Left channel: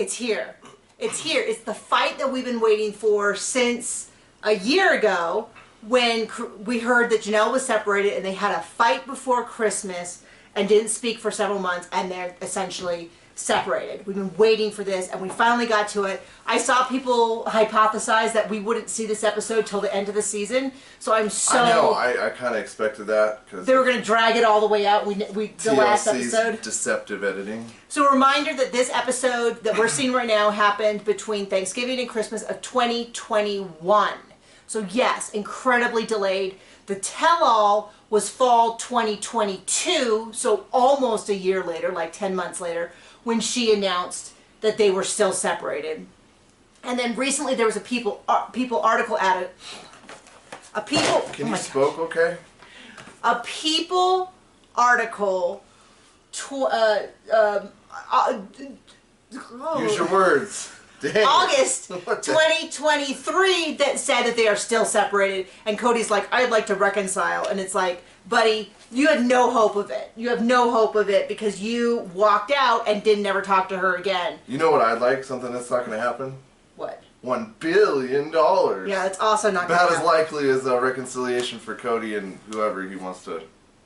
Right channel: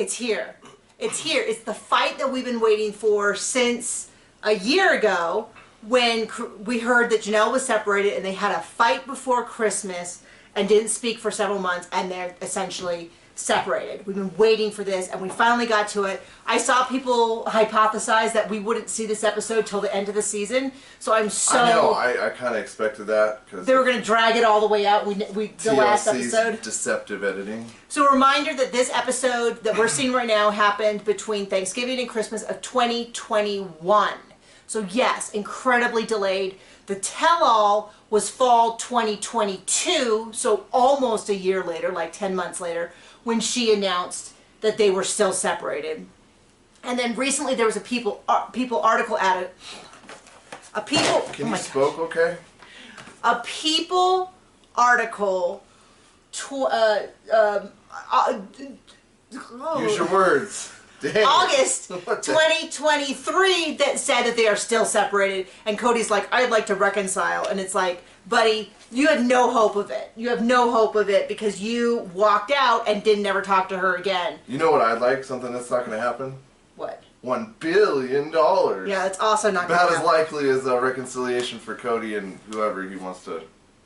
It's here. It's here. It's the fight that we've been waiting for since a year ago when we heard that Janelle was separated and they had a fight before Christmas and didn't speak for several months, and they're essentially separated. We've been waiting for this, and we finally got to it. I saw people hypothesize that we wouldn't see this episode till the end of the season, so I'm so... I know, I kind of expected that. Cause they were going to drag it all the way out, the last episode. Deceptive editing. So a reminder that this episode that we're seeing right now happened between Thanksgiving and Christmas of 2021. So yes, incredibly delayed. The tell-all was fall 2022, so almost a year later, like 10 months later, when she announced that they were still separated. And then recently there was a People article added. Can you spoke okay? A People article. Use your words. Dang. August 2023 that said that they are still separated, and Cody's like, I'd like to reconcile, and it's like, buddy, you had no hope of it. You have no hope of it because you walked out and didn't ever talk to her again. You know what I'd like? Something that's not going to happen? What? $1 billion. Yeah, it's also not going to happen. About as likely as a reconciliation for Cody and whoever he wants to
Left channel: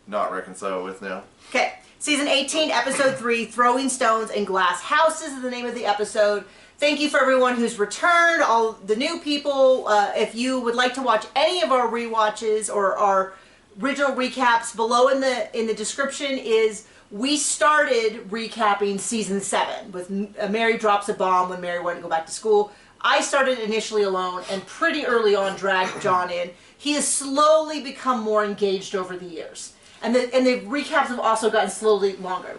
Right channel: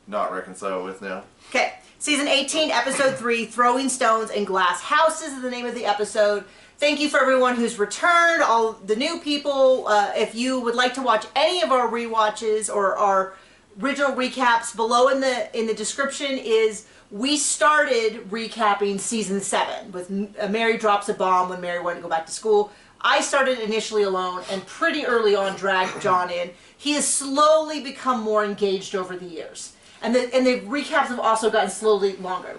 not reconcile with now. Okay, season 18, episode 3, Throwing Stones in Glass Houses is the name of the episode. Thank you for everyone who's returned, all the new people. If you would like to watch any of our rewatches or our original recaps, below in the description is we started recapping season 7 with Mary Drops a Bomb when Mary wanted to go back to school. I started initially alone and pretty early on dragged John in. He has slowly become more engaged over the years. And the recaps have also gotten slowly longer.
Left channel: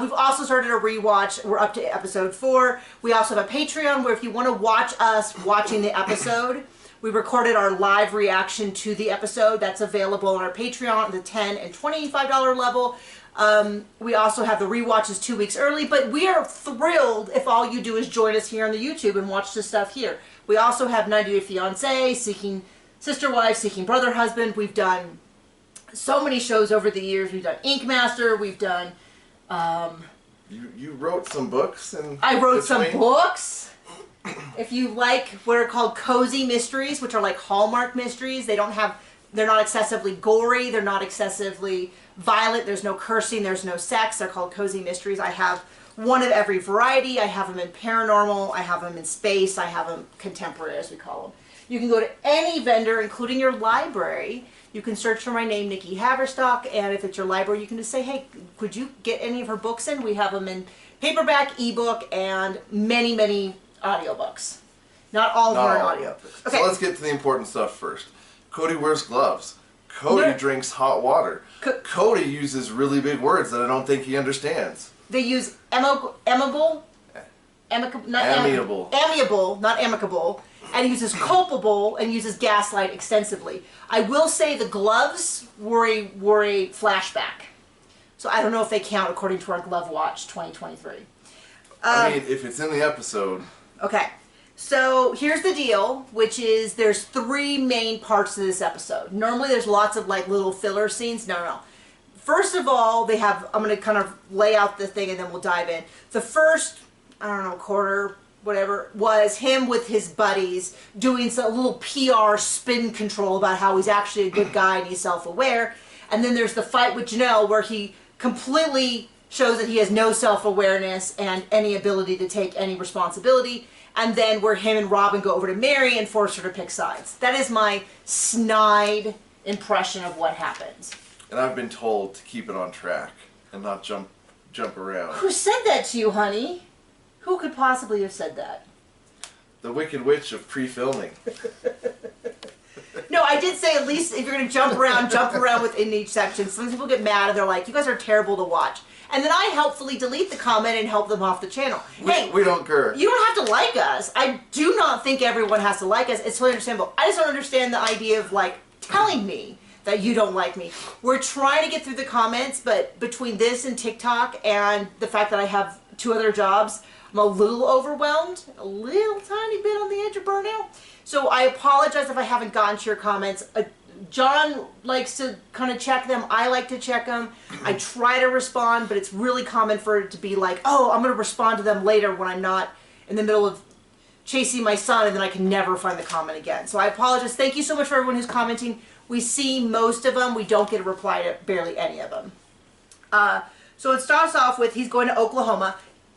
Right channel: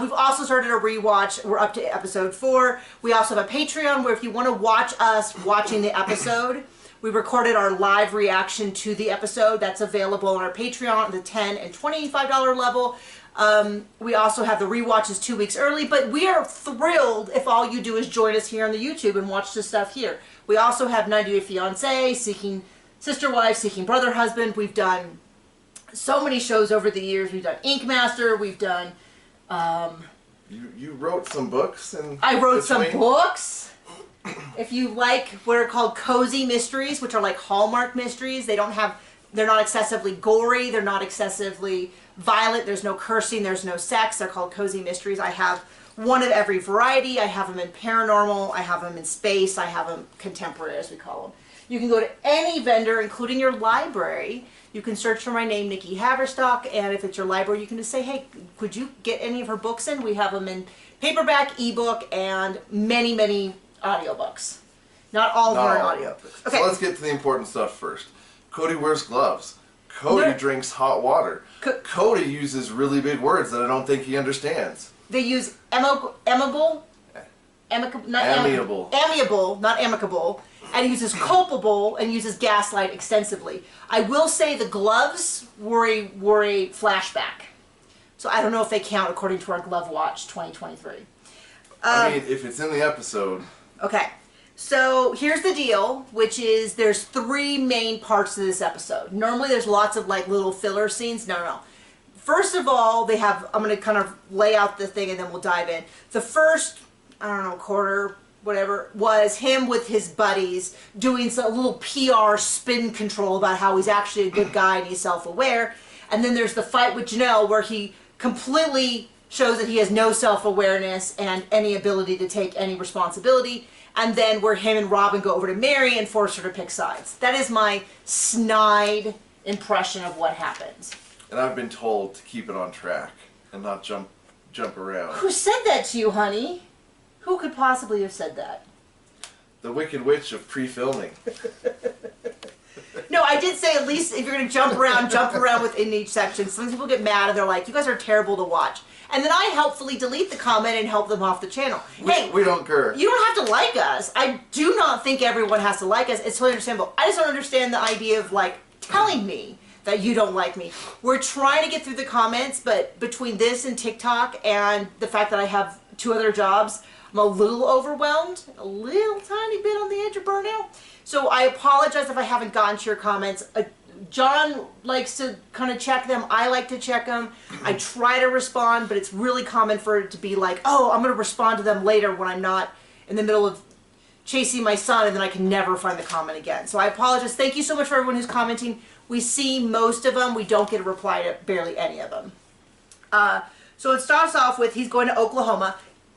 We've also started a rewatch. We're up to episode 4. We also have a Patreon where if you want to watch us watching the episode, we recorded our live reaction to the episode. That's available on our Patreon at the $10 and $25 level. We also have the rewatches 2 weeks early, but we are thrilled if all you do is join us here on the YouTube and watch this stuff here. We also have 90 Day Fiancé, Seeking Sister Wife, Seeking Brother Husband. We've done so many shows over the years. We've done Ink Master. We've done... You wrote some books, and I wrote some books. If you like what are called cozy mysteries, which are like Hallmark mysteries, they're not excessively gory, they're not excessively violent, there's no cursing, there's no sex, they're called cozy mysteries. I have one of every variety. I have them in paranormal, I have them in space, I have them contemporary, as we call them. You can go to any vendor, including your library. You can search for my name, Nikki Haverstock, and if it's your library, you can just say, hey, could you get any of her books in? We have them in paperback, ebook, and many, many audiobooks. Not all of them are in audiobooks. Okay. So let's get to the important stuff first. Cody wears gloves. Cody drinks hot water. Cody uses really big words that I don't think he understands. They use amiable, not amicable, and he uses culpable and uses gaslight extensively. I will say the gloves were a flashback. So I don't know if they count according to our Glove Watch 2023. I mean, if it's in the episode. Okay. So here's the deal, which is there's 3 main parts to this episode. Normally there's lots of like little filler scenes. No. First of all, they have, I'm going to kind of lay out the thing and then we'll dive in. The first, I don't know, quarter, whatever, was him with his buddies doing a little PR spin control about how he's actually a good guy and he's self-aware. And then there's the fight with Janelle where he completely shows that he has no self-awareness and any ability to take any responsibility. And then where him and Robin go over to Mary and force her to pick sides. That is my snide impression of what happens. And I've been told to keep it on track and not jump around. Who said that to you, honey? Who could possibly have said that? The Wicked Witch of pre-filming. No, I did say at least if you're going to jump around within each section. Some people get mad and they're like, you guys are terrible to watch. And then I helpfully delete the comment and help them off the channel. We don't care. You don't have to like us. I do not think everyone has to like us. It's totally understandable. I just don't understand the idea of like telling me that you don't like me. We're trying to get through the comments, but between this and TikTok and the fact that I have 2 other jobs, I'm a little overwhelmed, a little tiny bit on the edge of burnout. So I apologize if I haven't gotten to your comments John likes to kind of check them. I like to check them. I try to respond, but it's really common for it to be like, oh, I'm going to respond to them later when I'm not in the middle of chasing my son, and then I can never find the comment again. So I apologize. Thank you so much for everyone who's commenting. We see most of them. We don't get a reply to barely any of them. So it starts off with he's going to Oklahoma.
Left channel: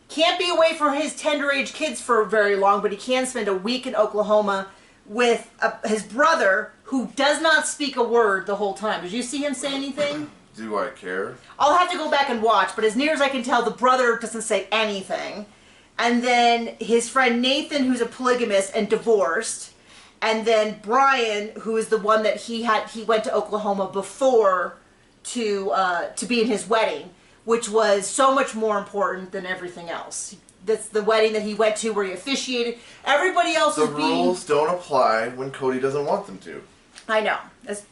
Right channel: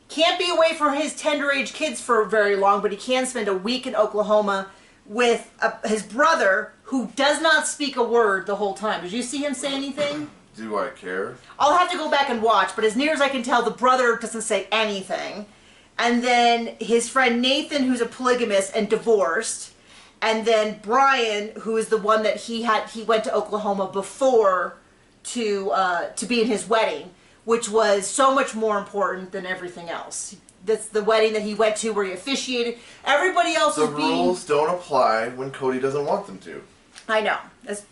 Can't be away from his tender age kids for very long, but he can spend a week in Oklahoma with his brother, who does not speak a word the whole time. Did you see him say anything? Do I care? I'll have to go back and watch, but as near as I can tell, the brother doesn't say anything. And then his friend Nathan, who's a polygamist and divorced. And then Brian, who is the one that he went to Oklahoma before to be in his wedding, which was so much more important than everything else. That's the wedding that he went to where he officiated. Everybody else the rules don't apply when Cody doesn't want them to. I know.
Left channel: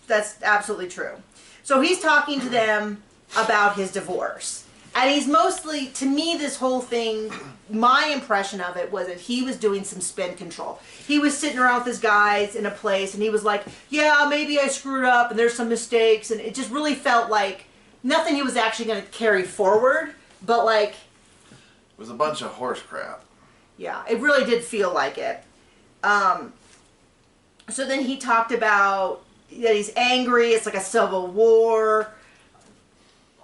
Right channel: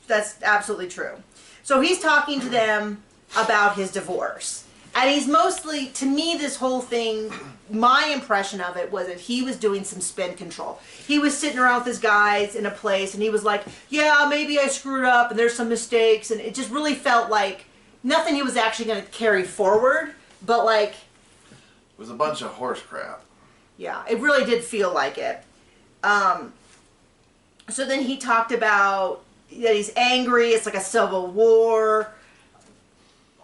That's absolutely true. So he's talking to them about his divorce. And he's mostly, to me, this whole thing, my impression of it was that he was doing some spin control. He was sitting around with his guys in a place, and he was like, yeah, maybe I screwed up, and there's some mistakes. And it just really felt like nothing he was actually going to carry forward, but like... It was a bunch of horse crap. Yeah, it really did feel like it. So then he talked about that he's angry, it's like a civil war,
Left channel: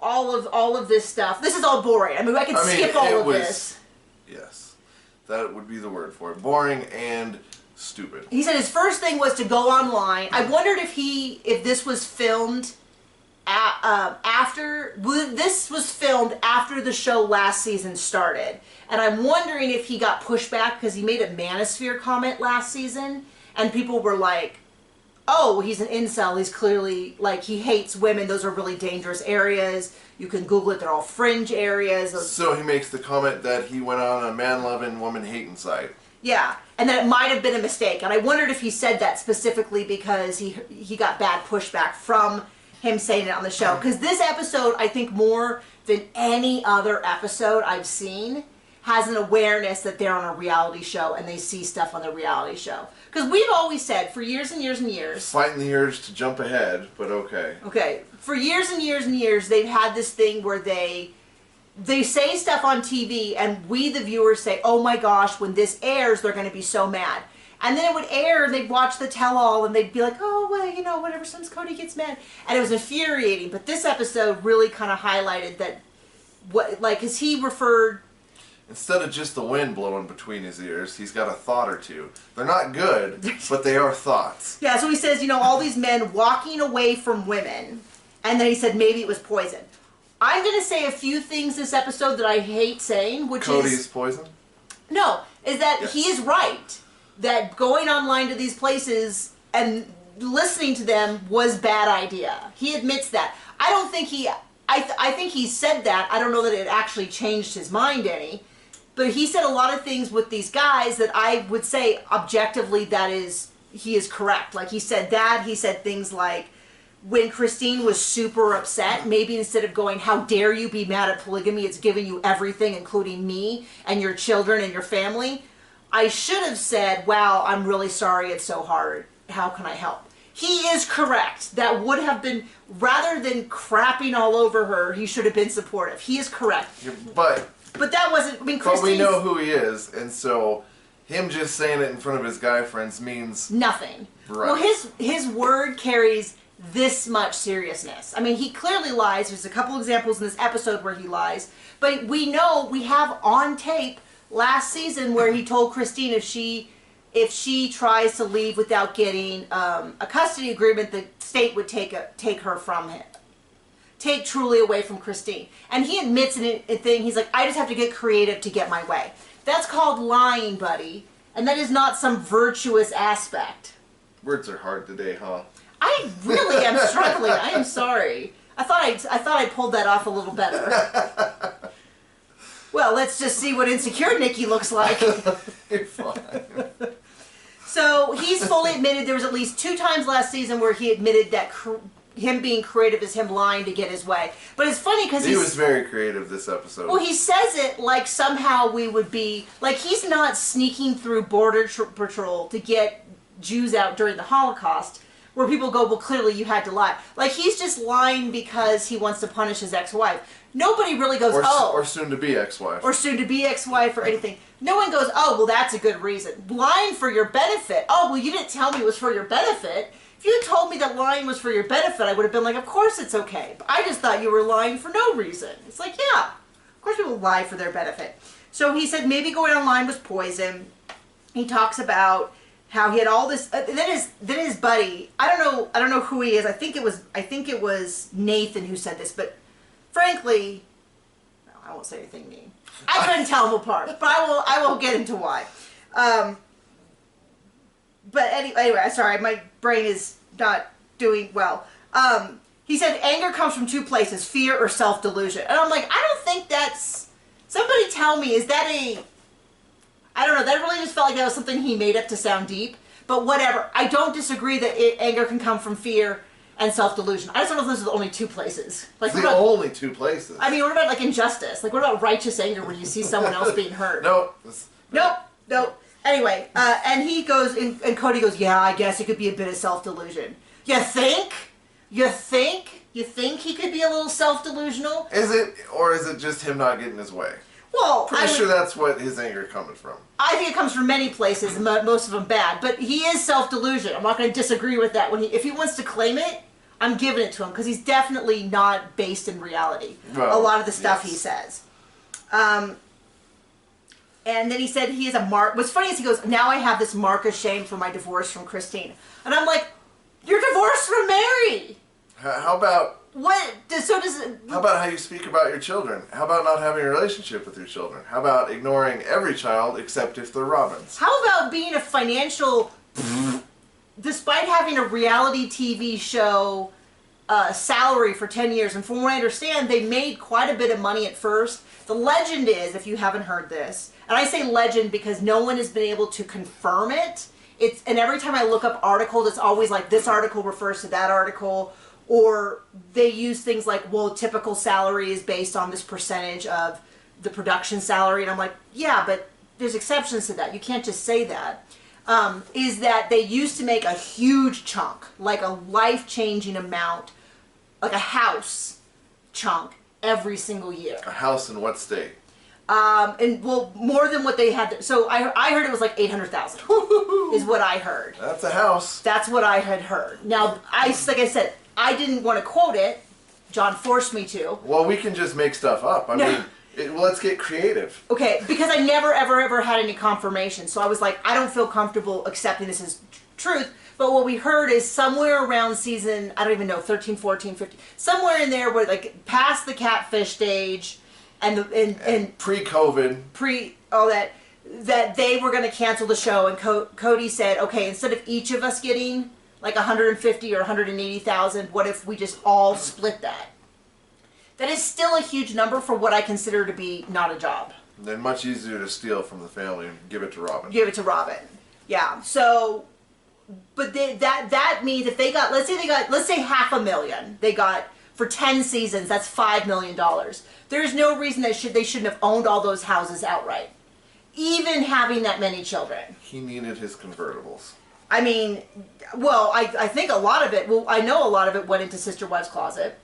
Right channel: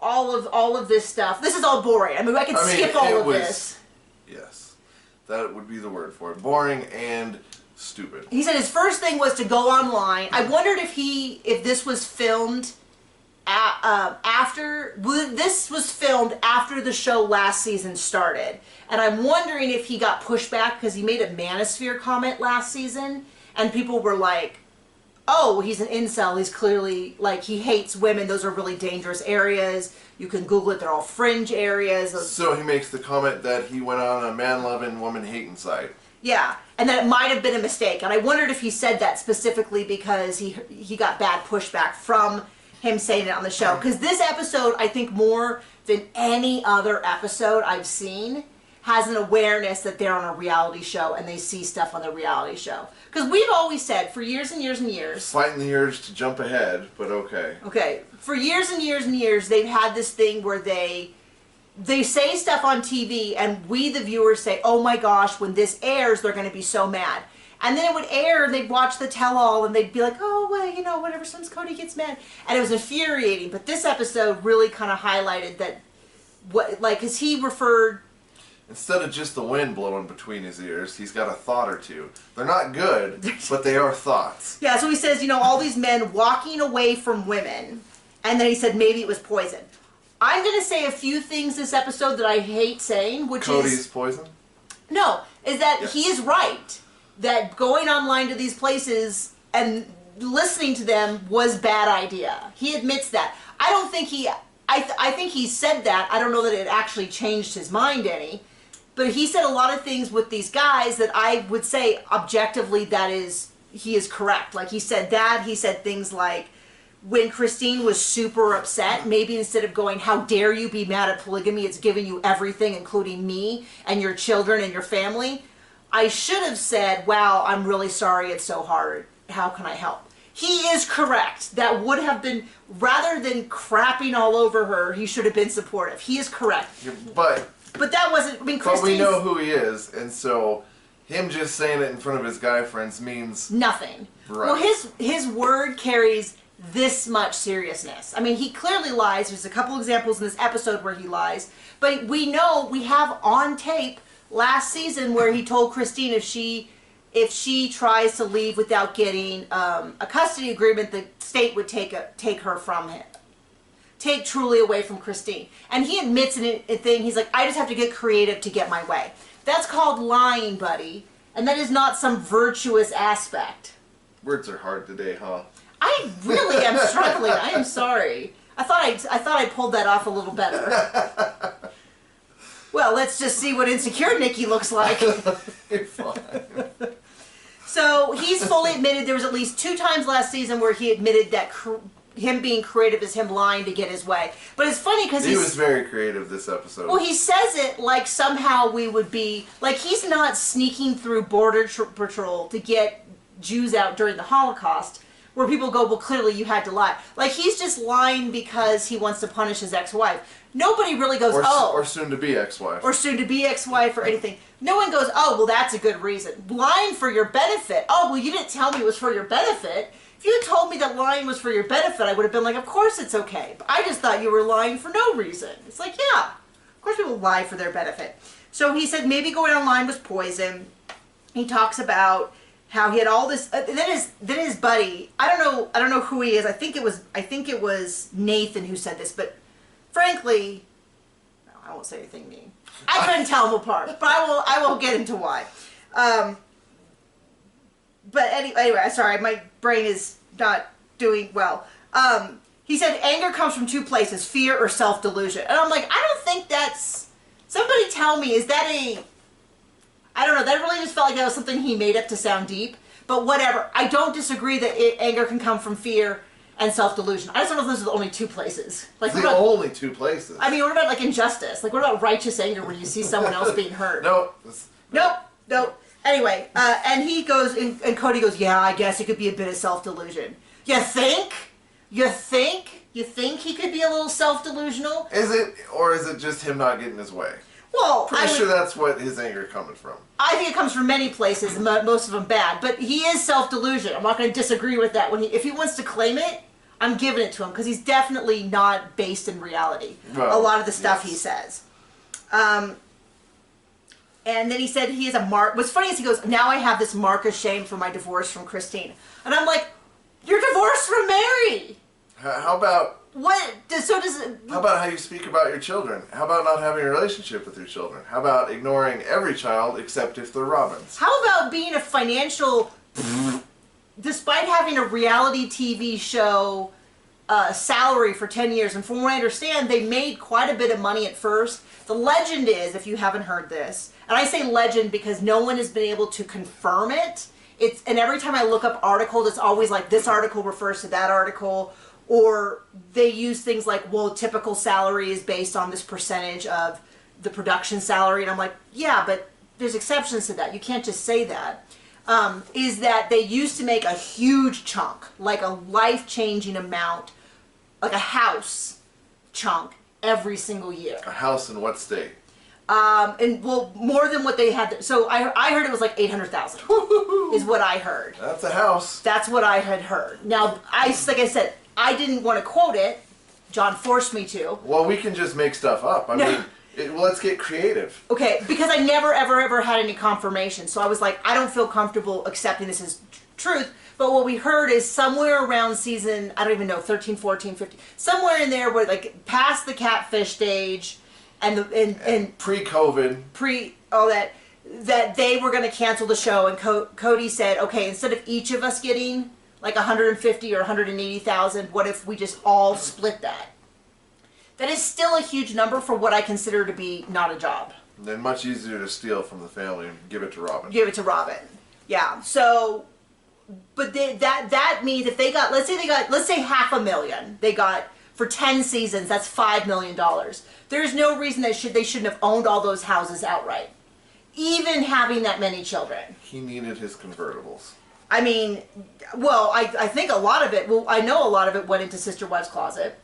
all of this stuff. This is all boring. I mean, I could skip all of this. Yes, that would be the word for it. Boring and stupid. He said his first thing was to go online. I wondered if this was filmed this was filmed after the show last season started, and I'm wondering if he got pushback because he made a manosphere comment last season, and people were like, oh, he's an incel, he's clearly, like, he hates women, those are really dangerous areas, you can Google it, they're all fringe areas. So he makes the comment that he went on a man-loving, woman-hating site. Yeah, and that it might have been a mistake, and I wondered if he said that specifically because he got bad pushback from him saying it on the show. Because this episode, I think more than any other episode I've seen, has an awareness that they're on a reality show and they see stuff on the reality show. Because we've always said for years and years and years... Fighting the urge to jump ahead, but okay. Okay. For years and years and years, they've had this thing where they say stuff on TV and we, the viewers, say, oh my gosh, when this airs, they're going to be so mad. And then it would air, and they'd watch the tell-all, and they'd be like, oh, well, you know, whatever, sometimes Cody gets mad. And it was infuriating. But this episode really kind of highlighted that, because he referred... Instead of just the wind blowing between his ears, he's got a thought or two. They're not good, but they are thoughts. Yeah, so he says, you know, all these men walking away from women, and then he said maybe it was poison. I'm going to say a few things this episode that I hate saying, which Cody's poison? No, is that yes. He is right. That going online to these places and listening to them was bad idea. He admits that. I don't think I think he said that. I don't know that it actually changed his mind any. But he said a lot of things with these guys that I would say objectively he is correct. Like he said that. He said things like when Christine was super upset, maybe instead of going, how dare you be mad at polygamy, it's giving you everything, including me and your children and your family. I should have said, wow, I'm really sorry it's so hard. How can I help? He is correct. That would have been, rather than crapping all over her, he should have been supportive. He is correct. Yeah, but that wasn't, I mean, But we know who he is, and so him just saying it in front of his guy friends means... nothing. Right. Well, his word carries this much seriousness. I mean, he clearly lies. There's a couple examples in this episode where he lies. But we know, we have on tape last season where he told Christine if she tries to leave without getting a custody agreement, the state would take her from him. Take Truly away from Christine. And he admits in a thing, he's like, I just have to get creative to get my way. That's called lying, buddy. And that is not some virtuous aspect. Words are hard today, huh? I really am struggling. I am sorry. I thought I pulled that off a little better. Well, let's just see what insecure Nikki looks like. You're fine. So he's fully admitted there was at least 2 times last season where he admitted that him being creative is him lying to get his way. But it's funny because he was very creative this episode. Well, he says it like somehow we would be, like he's not sneaking through Border Patrol to get Jews out during the Holocaust. where people go, well, clearly you had to lie. Like, he's just lying because he wants to punish his ex-wife. Nobody really goes, or soon-to-be ex-wife. Or soon-to-be ex-wife or anything. No one goes, oh, well, that's a good reason. Lying for your benefit. Oh, well, you didn't tell me it was for your benefit. If you had told me that lying was for your benefit, I would have been like, of course it's okay. But I just thought you were lying for no reason. It's like, yeah, of course people lie for their benefit. So he said maybe going online was poison. He talks about how he had all this. Then his buddy. I don't know who he is. I think it was Nathan who said this. But frankly, no, I won't say anything mean. I couldn't tell them apart, but I will get into why. But anyway, sorry, my brain is not doing well. He said anger comes from two places, fear or self-delusion. And I'm like, I don't think that's... Somebody tell me, is that a... I don't know, that really just felt like that was something he made up to sound deep. But whatever. I don't disagree that anger can come from fear and self-delusion. I just don't know if those are the only two places. Like, the only two places. I mean, what about, like, injustice? Like, what about righteous anger when you see someone else being hurt? Nope. Anyway, and he goes, and Cody goes, yeah, I guess it could be a bit of self-delusion. You think? You think he could be a little self-delusional? Is it, or is it just him not getting his way? Well, Pretty sure that's what his anger is coming from. I think it comes from many places, most of them bad. But he is self-delusion. I'm not going to disagree with that. If he wants to claim it, I'm giving it to him, because he's definitely not based in reality. Well, a lot of the stuff he says. And then he said he has a mark. What's funny is he goes, now I have this mark of shame for my divorce from Christine. And I'm like, you're divorced from Mary. How about... What? How about how you speak about your children? How about not having a relationship with your children? How about ignoring every child except if they're Robin's? How about being a financial... Despite having a reality TV show salary for 10 years, and from what I understand, they made quite a bit of money at first. The legend is, if you haven't heard this, and I say legend because no one has been able to confirm it, and every time I look up articles, it's always like this article refers to that article, or they use things like, well, typical salary is based on this percentage of the production salary, and I'm like, yeah, but there's exceptions to that. You can't just say that. Is that they used to make a huge chunk, like a life-changing amount, like a house chunk every single year. A house in what state? And well, more than what they had. So I heard it was like 800,000 is what I heard. That's a house. That's what I had heard. Now, like I said, I didn't want to quote it. John forced me to. Well, we can just make stuff up. I mean, let's get creative. Okay, because I never, ever had any confirmation. So I was like, I don't feel comfortable accepting this as truth. But what we heard is somewhere around season, I don't even know, 13, 14, 15, somewhere in there where, like, past the catfish stage and pre-COVID. All that they were going to cancel the show. And Cody said, okay, instead of each of us getting like 150 or 180,000, what if we just all split that? That is still a huge number for what I consider to be not a job. And then much easier to steal from the family and give it to Robin. Yeah. So, but that means if they got, let's say $500,000, they got for 10 seasons, that's $5 million. There's no reason they shouldn't have owned all those houses outright, even having that many children. He needed his convertibles. I mean, well, I think a lot of it, I know a lot of it went into Sister Wives Closet.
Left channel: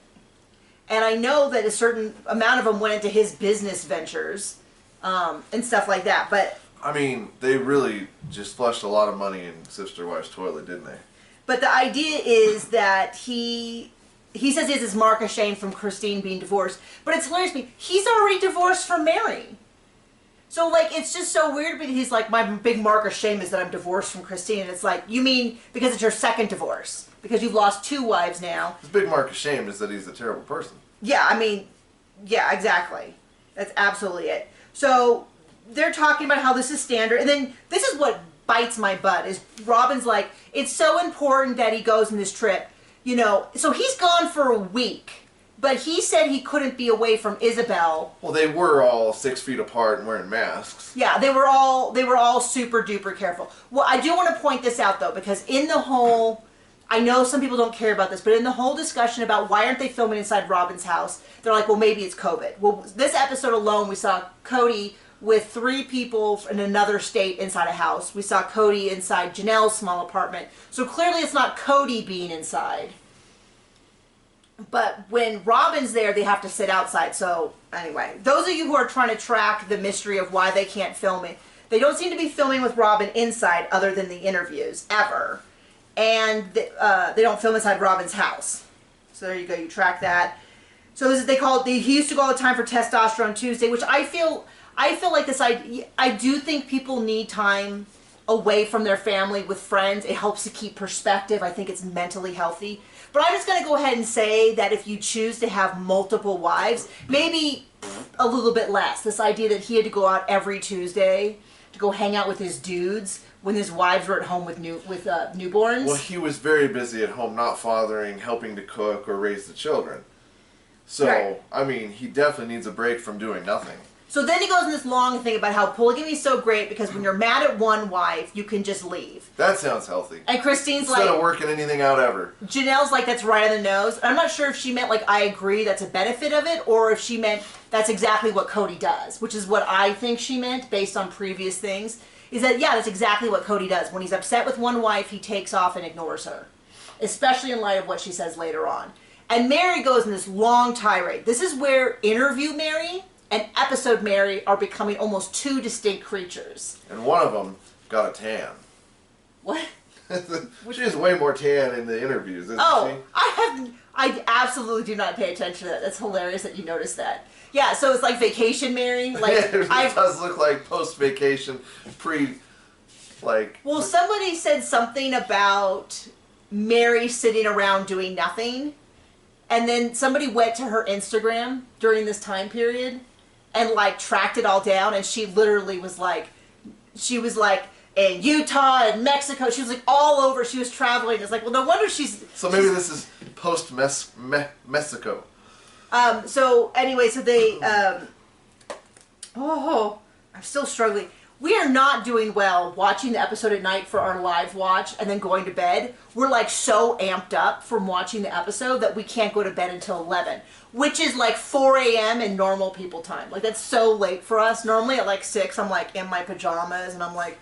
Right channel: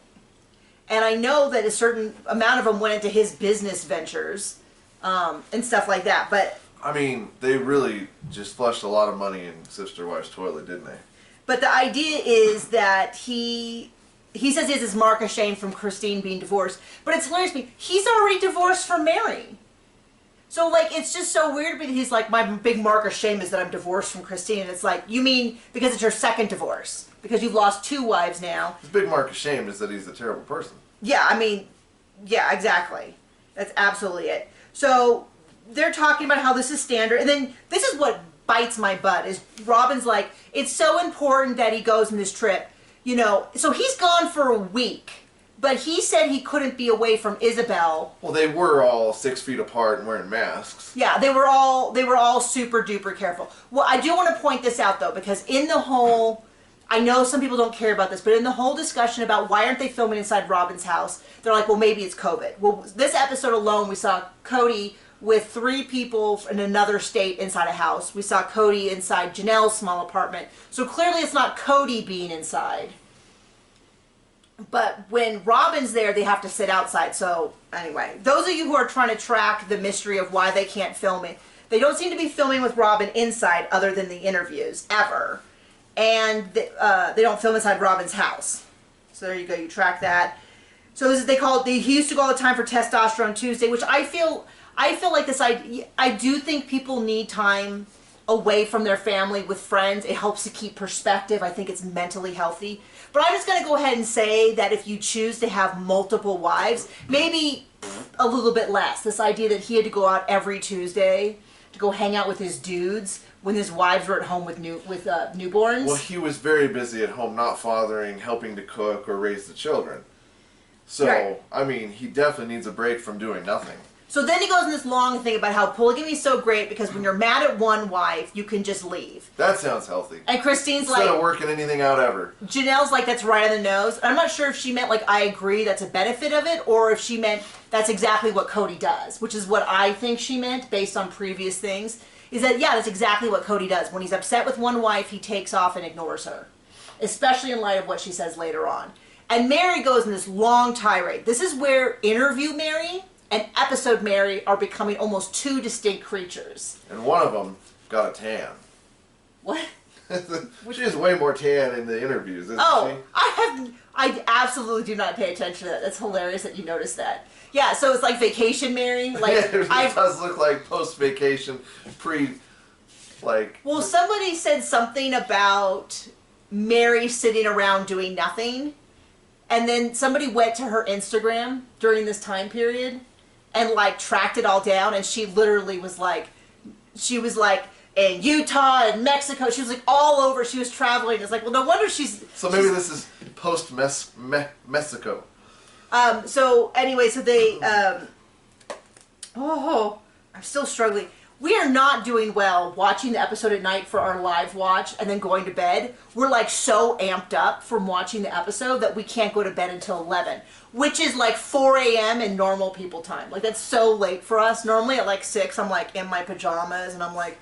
And I know that a certain amount of them went into his business ventures and stuff like that. But I mean, they really just flushed a lot of money in Sister Wives' toilet, didn't they? But the idea is that he says he has this mark of shame from Christine being divorced. But it's hilarious to me. He's already divorced from Mary. So, like, it's just so weird because he's like, my big mark of shame is that I'm divorced from Christine. And it's like, you mean because it's your second divorce? Because you've lost 2 wives now. His big mark of shame is that he's a terrible person. Yeah, I mean, yeah, exactly. That's absolutely it. So, they're talking about how this is standard. And then, this is what bites my butt, is Robin's like, it's so important that he goes on this trip. You know, so he's gone for a week. But he said he couldn't be away from Isabel. Well, they were all 6 feet apart and wearing masks. Yeah, they were all super duper careful. Well, I do want to point this out though, because in the whole, I know some people don't care about this, but in the whole discussion about why aren't they filming inside Robin's house, they're like, well, maybe it's COVID. Well, this episode alone, we saw Cody with 3 people in another state inside a house. We saw Cody inside Janelle's small apartment. So clearly it's not Cody being inside. But when Robin's there, they have to sit outside. So anyway, those of you who are trying to track the mystery of why they can't film it, they don't seem to be filming with Robin inside other than the interviews, ever. And they don't film inside Robin's house. So there you go, you track that. So this is, he used to go all the time for Testosterone Tuesday, which I feel like this idea, I do think people need time away from their family with friends. It helps to keep perspective. I think it's mentally healthy. But I'm just going to go ahead and say that if you choose to have multiple wives, maybe a little bit less. This idea that he had to go out every Tuesday to go hang out with his dudes when his wives were at home with newborns. Well, he was very busy at home, not fathering, helping to cook or raise the children. So, right. I mean, he definitely needs a break from doing nothing. So then he goes in this long thing about how polygamy is so great because when you're mad at one wife, you can just leave. That sounds healthy. And Christine's Instead of working anything out ever. Janelle's like, that's right on the nose. I'm not sure if she meant like, I agree, that's a benefit of it, or if she meant that's exactly what Cody does, which is what I think she meant based on previous things, is that, yeah, that's exactly what Cody does. When he's upset with one wife, he takes off and ignores her, especially in light of what she says later on. And Mary goes in this long tirade. This is where Interview Mary and Episode Mary are becoming almost 2 distinct creatures. And one of them got a tan. What? She has way more tan in the interviews, isn't she? I absolutely do not pay attention to that. That's hilarious that you noticed that. Yeah, so it's like Vacation Mary. Like, yeah, it does look like post-vacation, Well, somebody said something about Mary sitting around doing nothing. And then somebody went to her Instagram during this time period and like tracked it all down, and she literally was like in Utah and Mexico. She was like all over. She was traveling. It's like, well, no wonder she's. So maybe this is post Mexico. So anyway, so they. I'm still struggling. We are not doing well watching the episode at night for our live watch and then going to bed. We're like so amped up from watching the episode that we can't go to bed until 11, which is like 4 a.m. in normal people time. Like that's so late for us. Normally at like 6, I'm like in my pajamas and I'm like.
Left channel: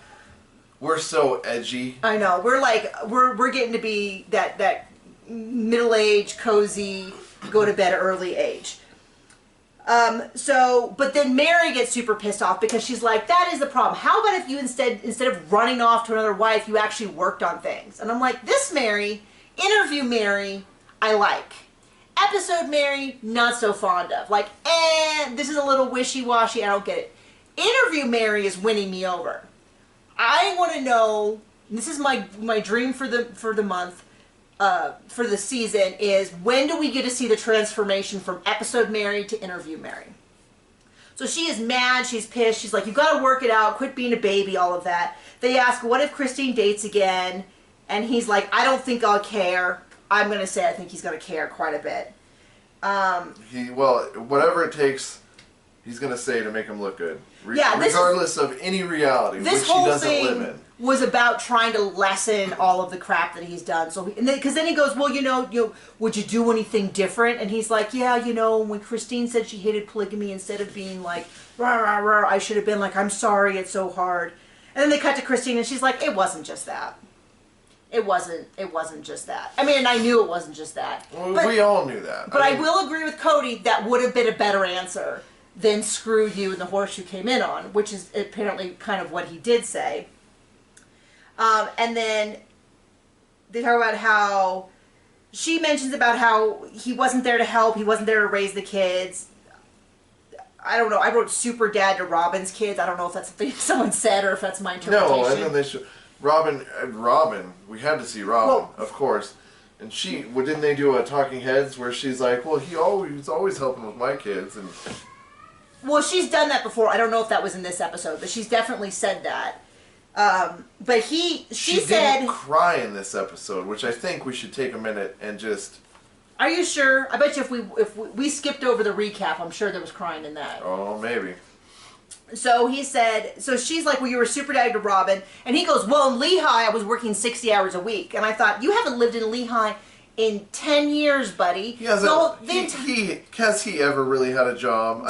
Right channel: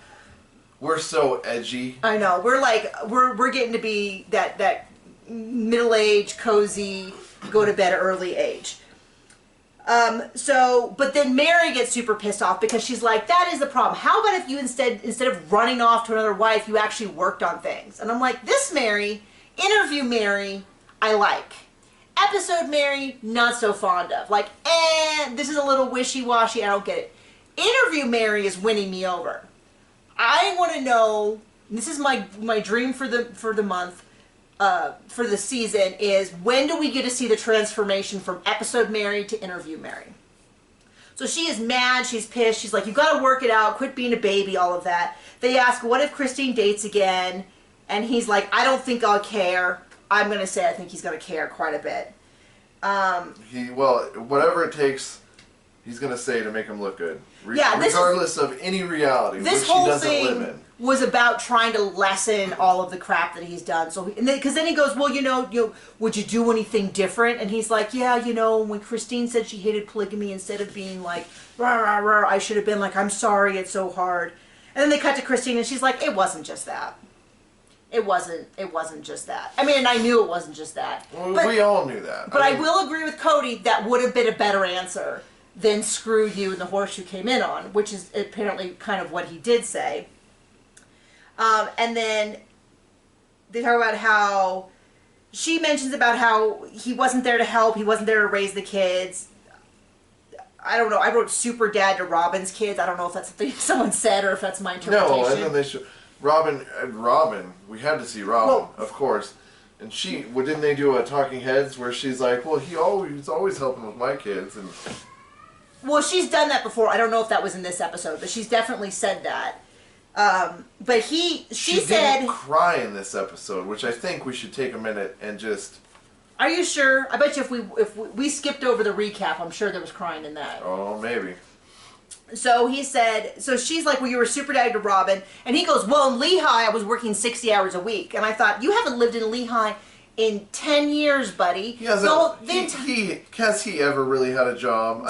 We're so edgy. I know. We're like, we're getting to be that middle-aged, cozy, go to bed early age. But then Mary gets super pissed off because she's like, that is the problem. How about if you instead of running off to another wife, you actually worked on things? And I'm like, this Mary, Interview Mary, I like. Episode Mary, not so fond of. Like, this is a little wishy-washy, I don't get it. Interview Mary is winning me over. I want to know, this is my dream for the month, for the season, is when do we get to see the transformation from Episode Mary to Interview Mary? So she is mad, she's pissed, she's like, you got to work it out, quit being a baby, all of that. They ask, what if Christine dates again? And he's like, I don't think I'll care. I'm going to say I think he's going to care quite a bit. Whatever it takes, he's going to say to make him look good. Regardless of any reality, which this he whole doesn't thing live in. Was about trying to lessen all of the crap that he's done. So, because then he goes, well, would you do anything different? And he's like, yeah, when Christine said she hated polygamy, instead of being like, rah, rah, rah, I should have been like, I'm sorry, it's so hard. And then they cut to Christine, and she's like, it wasn't just that. It wasn't just that. I mean, and I knew it wasn't just that. Well, we all knew that. But I will agree with Cody, that would have been a better answer than screw you and the horse you came in on, which is apparently kind of what he did say. And then they talk about how she mentions about how he wasn't there to help, he wasn't there to raise the kids. I don't know. I wrote super dad to Robin's kids. I don't know if that's something someone said or if that's my interpretation. No, and then they should. Robin, we had to see Robin, of course. And didn't they do a Talking Heads where she's like, well, he's always helping with my kids. And well, she's done that before. I don't know if that was in this episode, but she's definitely said that. But she said, didn't cry in this episode, which I think we should take a minute and just. Are you sure? I bet you if we skipped over the recap, I'm sure there was crying in that. Oh, maybe. So he said, so she's like, well, you were super daddy to Robin. And he goes, well, in Lehigh, I was working 60 hours a week. And I thought, you haven't lived in Lehigh in 10 years, buddy. Has he ever really had a job?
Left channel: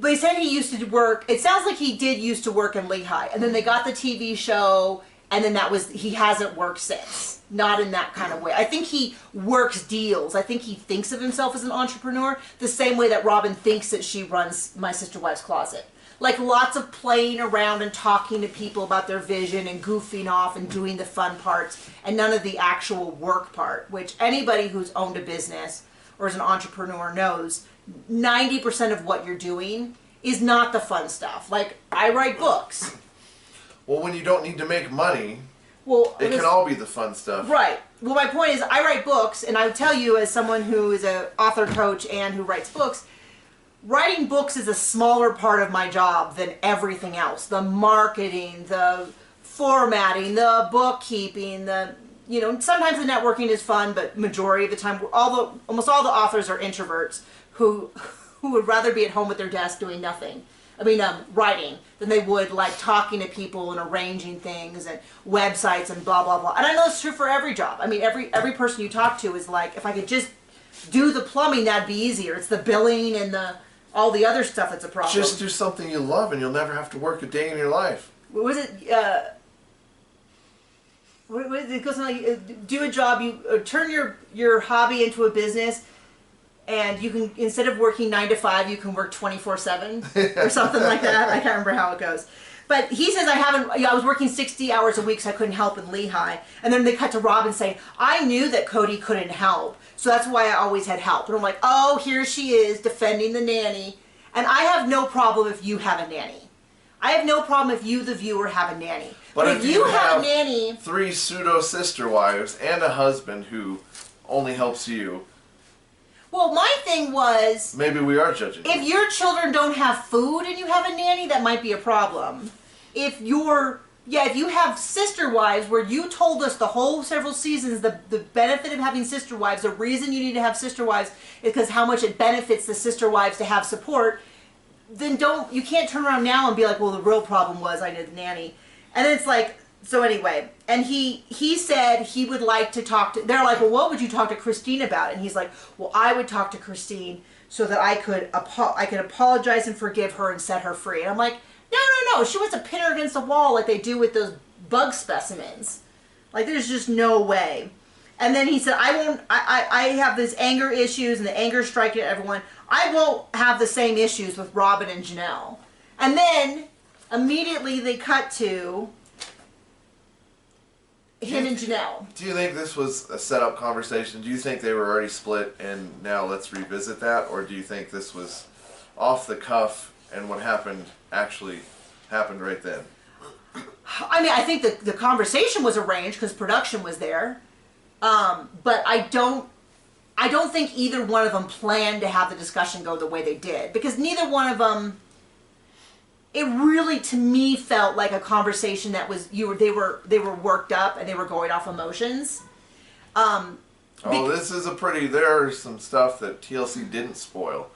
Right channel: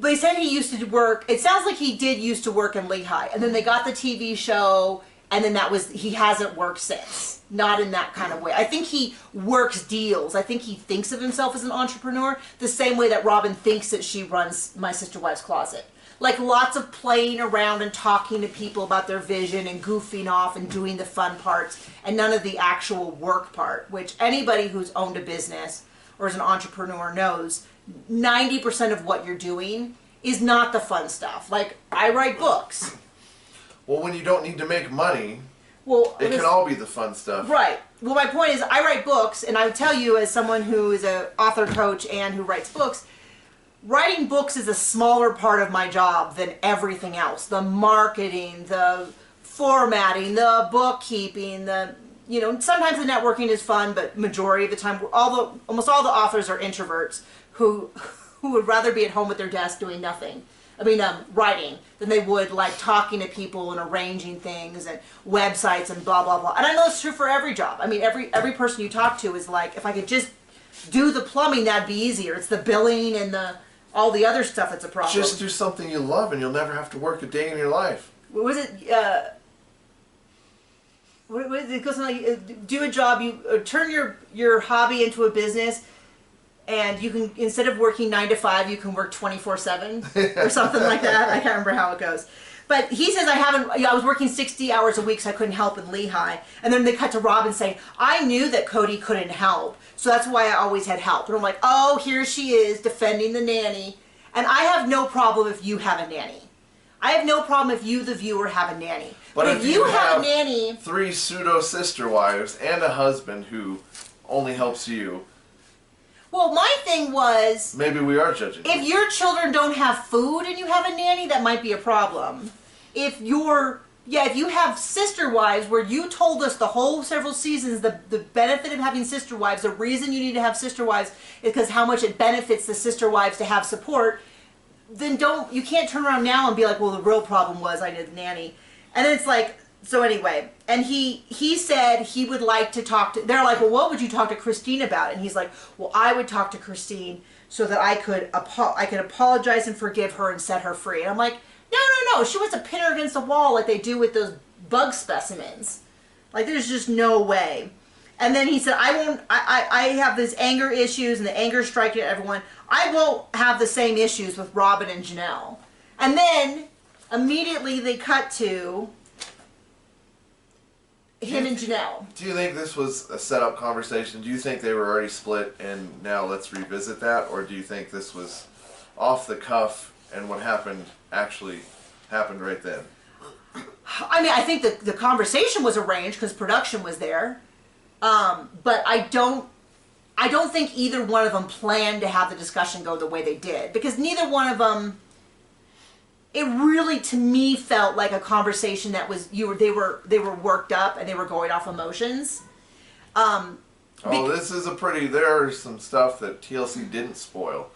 they said he used to work, it sounds like he did used to work in Lehigh, and then they got the TV show, and then he hasn't worked since. Not in that kind of way. I think he works deals. I think he thinks of himself as an entrepreneur the same way that Robin thinks that she runs My Sister Wives Closet. Like lots of playing around and talking to people about their vision and goofing off and doing the fun parts and none of the actual work part, which anybody who's owned a business or is an entrepreneur knows 90% of what you're doing is not the fun stuff. Like, I write books. Well, when you don't need to make money, well, it can all be the fun stuff. Right. Well, my point is, I write books, and I would tell you, as someone who is an author coach and who writes books, writing books is a smaller part of my job than everything else. The marketing, the formatting, the bookkeeping, sometimes the networking is fun, but majority of the time, almost all the authors are introverts who would rather be at home at their desk doing nothing. Writing than they would like talking to people and arranging things and websites and blah, blah, blah. And I know it's true for every job. Every person you talk to is like, if I could just do the plumbing, that'd be easier. It's the billing and all the other stuff that's a problem. Just do something you love and you'll never have to work a day in your life. What was it? It goes like, do a job, you turn your hobby into a business. And you can, instead of working 9 to 5, you can work 24/7 or something like that. I can't remember how it goes. But he says, I was working 60 hours a week, so I couldn't help in Lehigh. And then they cut to Robin saying, I knew that Cody couldn't help, so that's why I always had help. And I'm like, oh, here she is defending the nanny. And I have no problem if you have a nanny. I have no problem if you, the viewer, have a nanny. But if you have a nanny, 3 pseudo-sister wives and a husband who only helps you, well, my thing was, maybe we are judging if your children don't have food and you have a nanny, that might be a problem. If you have sister wives, where you told us the whole several seasons the benefit of having sister wives, the reason you need to have sister wives is because how much it benefits the sister wives to have support, then you can't turn around now and be like, well, the real problem was I needed a nanny. And then it's like, so anyway, and he said he would like to talk to, they're like, well, what would you talk to Christine about? And he's like, well, I would talk to Christine so that I could apologize and forgive her and set her free. And I'm like, no, she wants to pin her against the wall like they do with those bug specimens. Like, there's just no way. And then he said, I have these anger issues and the anger striking at everyone. I won't have the same issues with Robin and Janelle. And then immediately they cut to him and Janelle. Do you think this was a set-up conversation? Do you think they were already split and now let's revisit that? Or do you think this was off the cuff and what happened actually happened right then? I think the conversation was arranged because production was there. But I don't think either one of them planned to have the discussion go the way they did. Because neither one of them, it really, to me, felt like a conversation that was they were worked up and they were going off emotions. This is there's some stuff that TLC didn't spoil.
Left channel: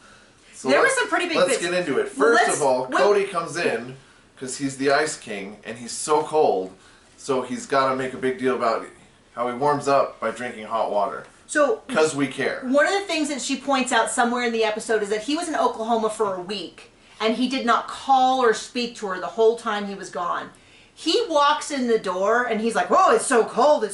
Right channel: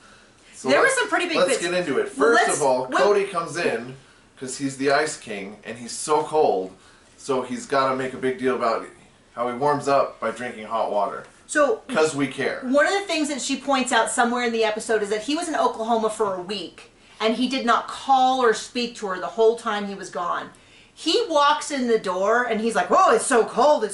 So there was some pretty big Let's bits. get into it. First of all, Cody comes in because he's the Ice King and he's so cold, so he's got to make a big deal about how he warms up by drinking hot water. So, because we care. One of the things that she points out somewhere in the episode is that he was in Oklahoma for a week. And he did not call or speak to her the whole time he was gone. He walks in the door and he's like, "Whoa, it's so cold,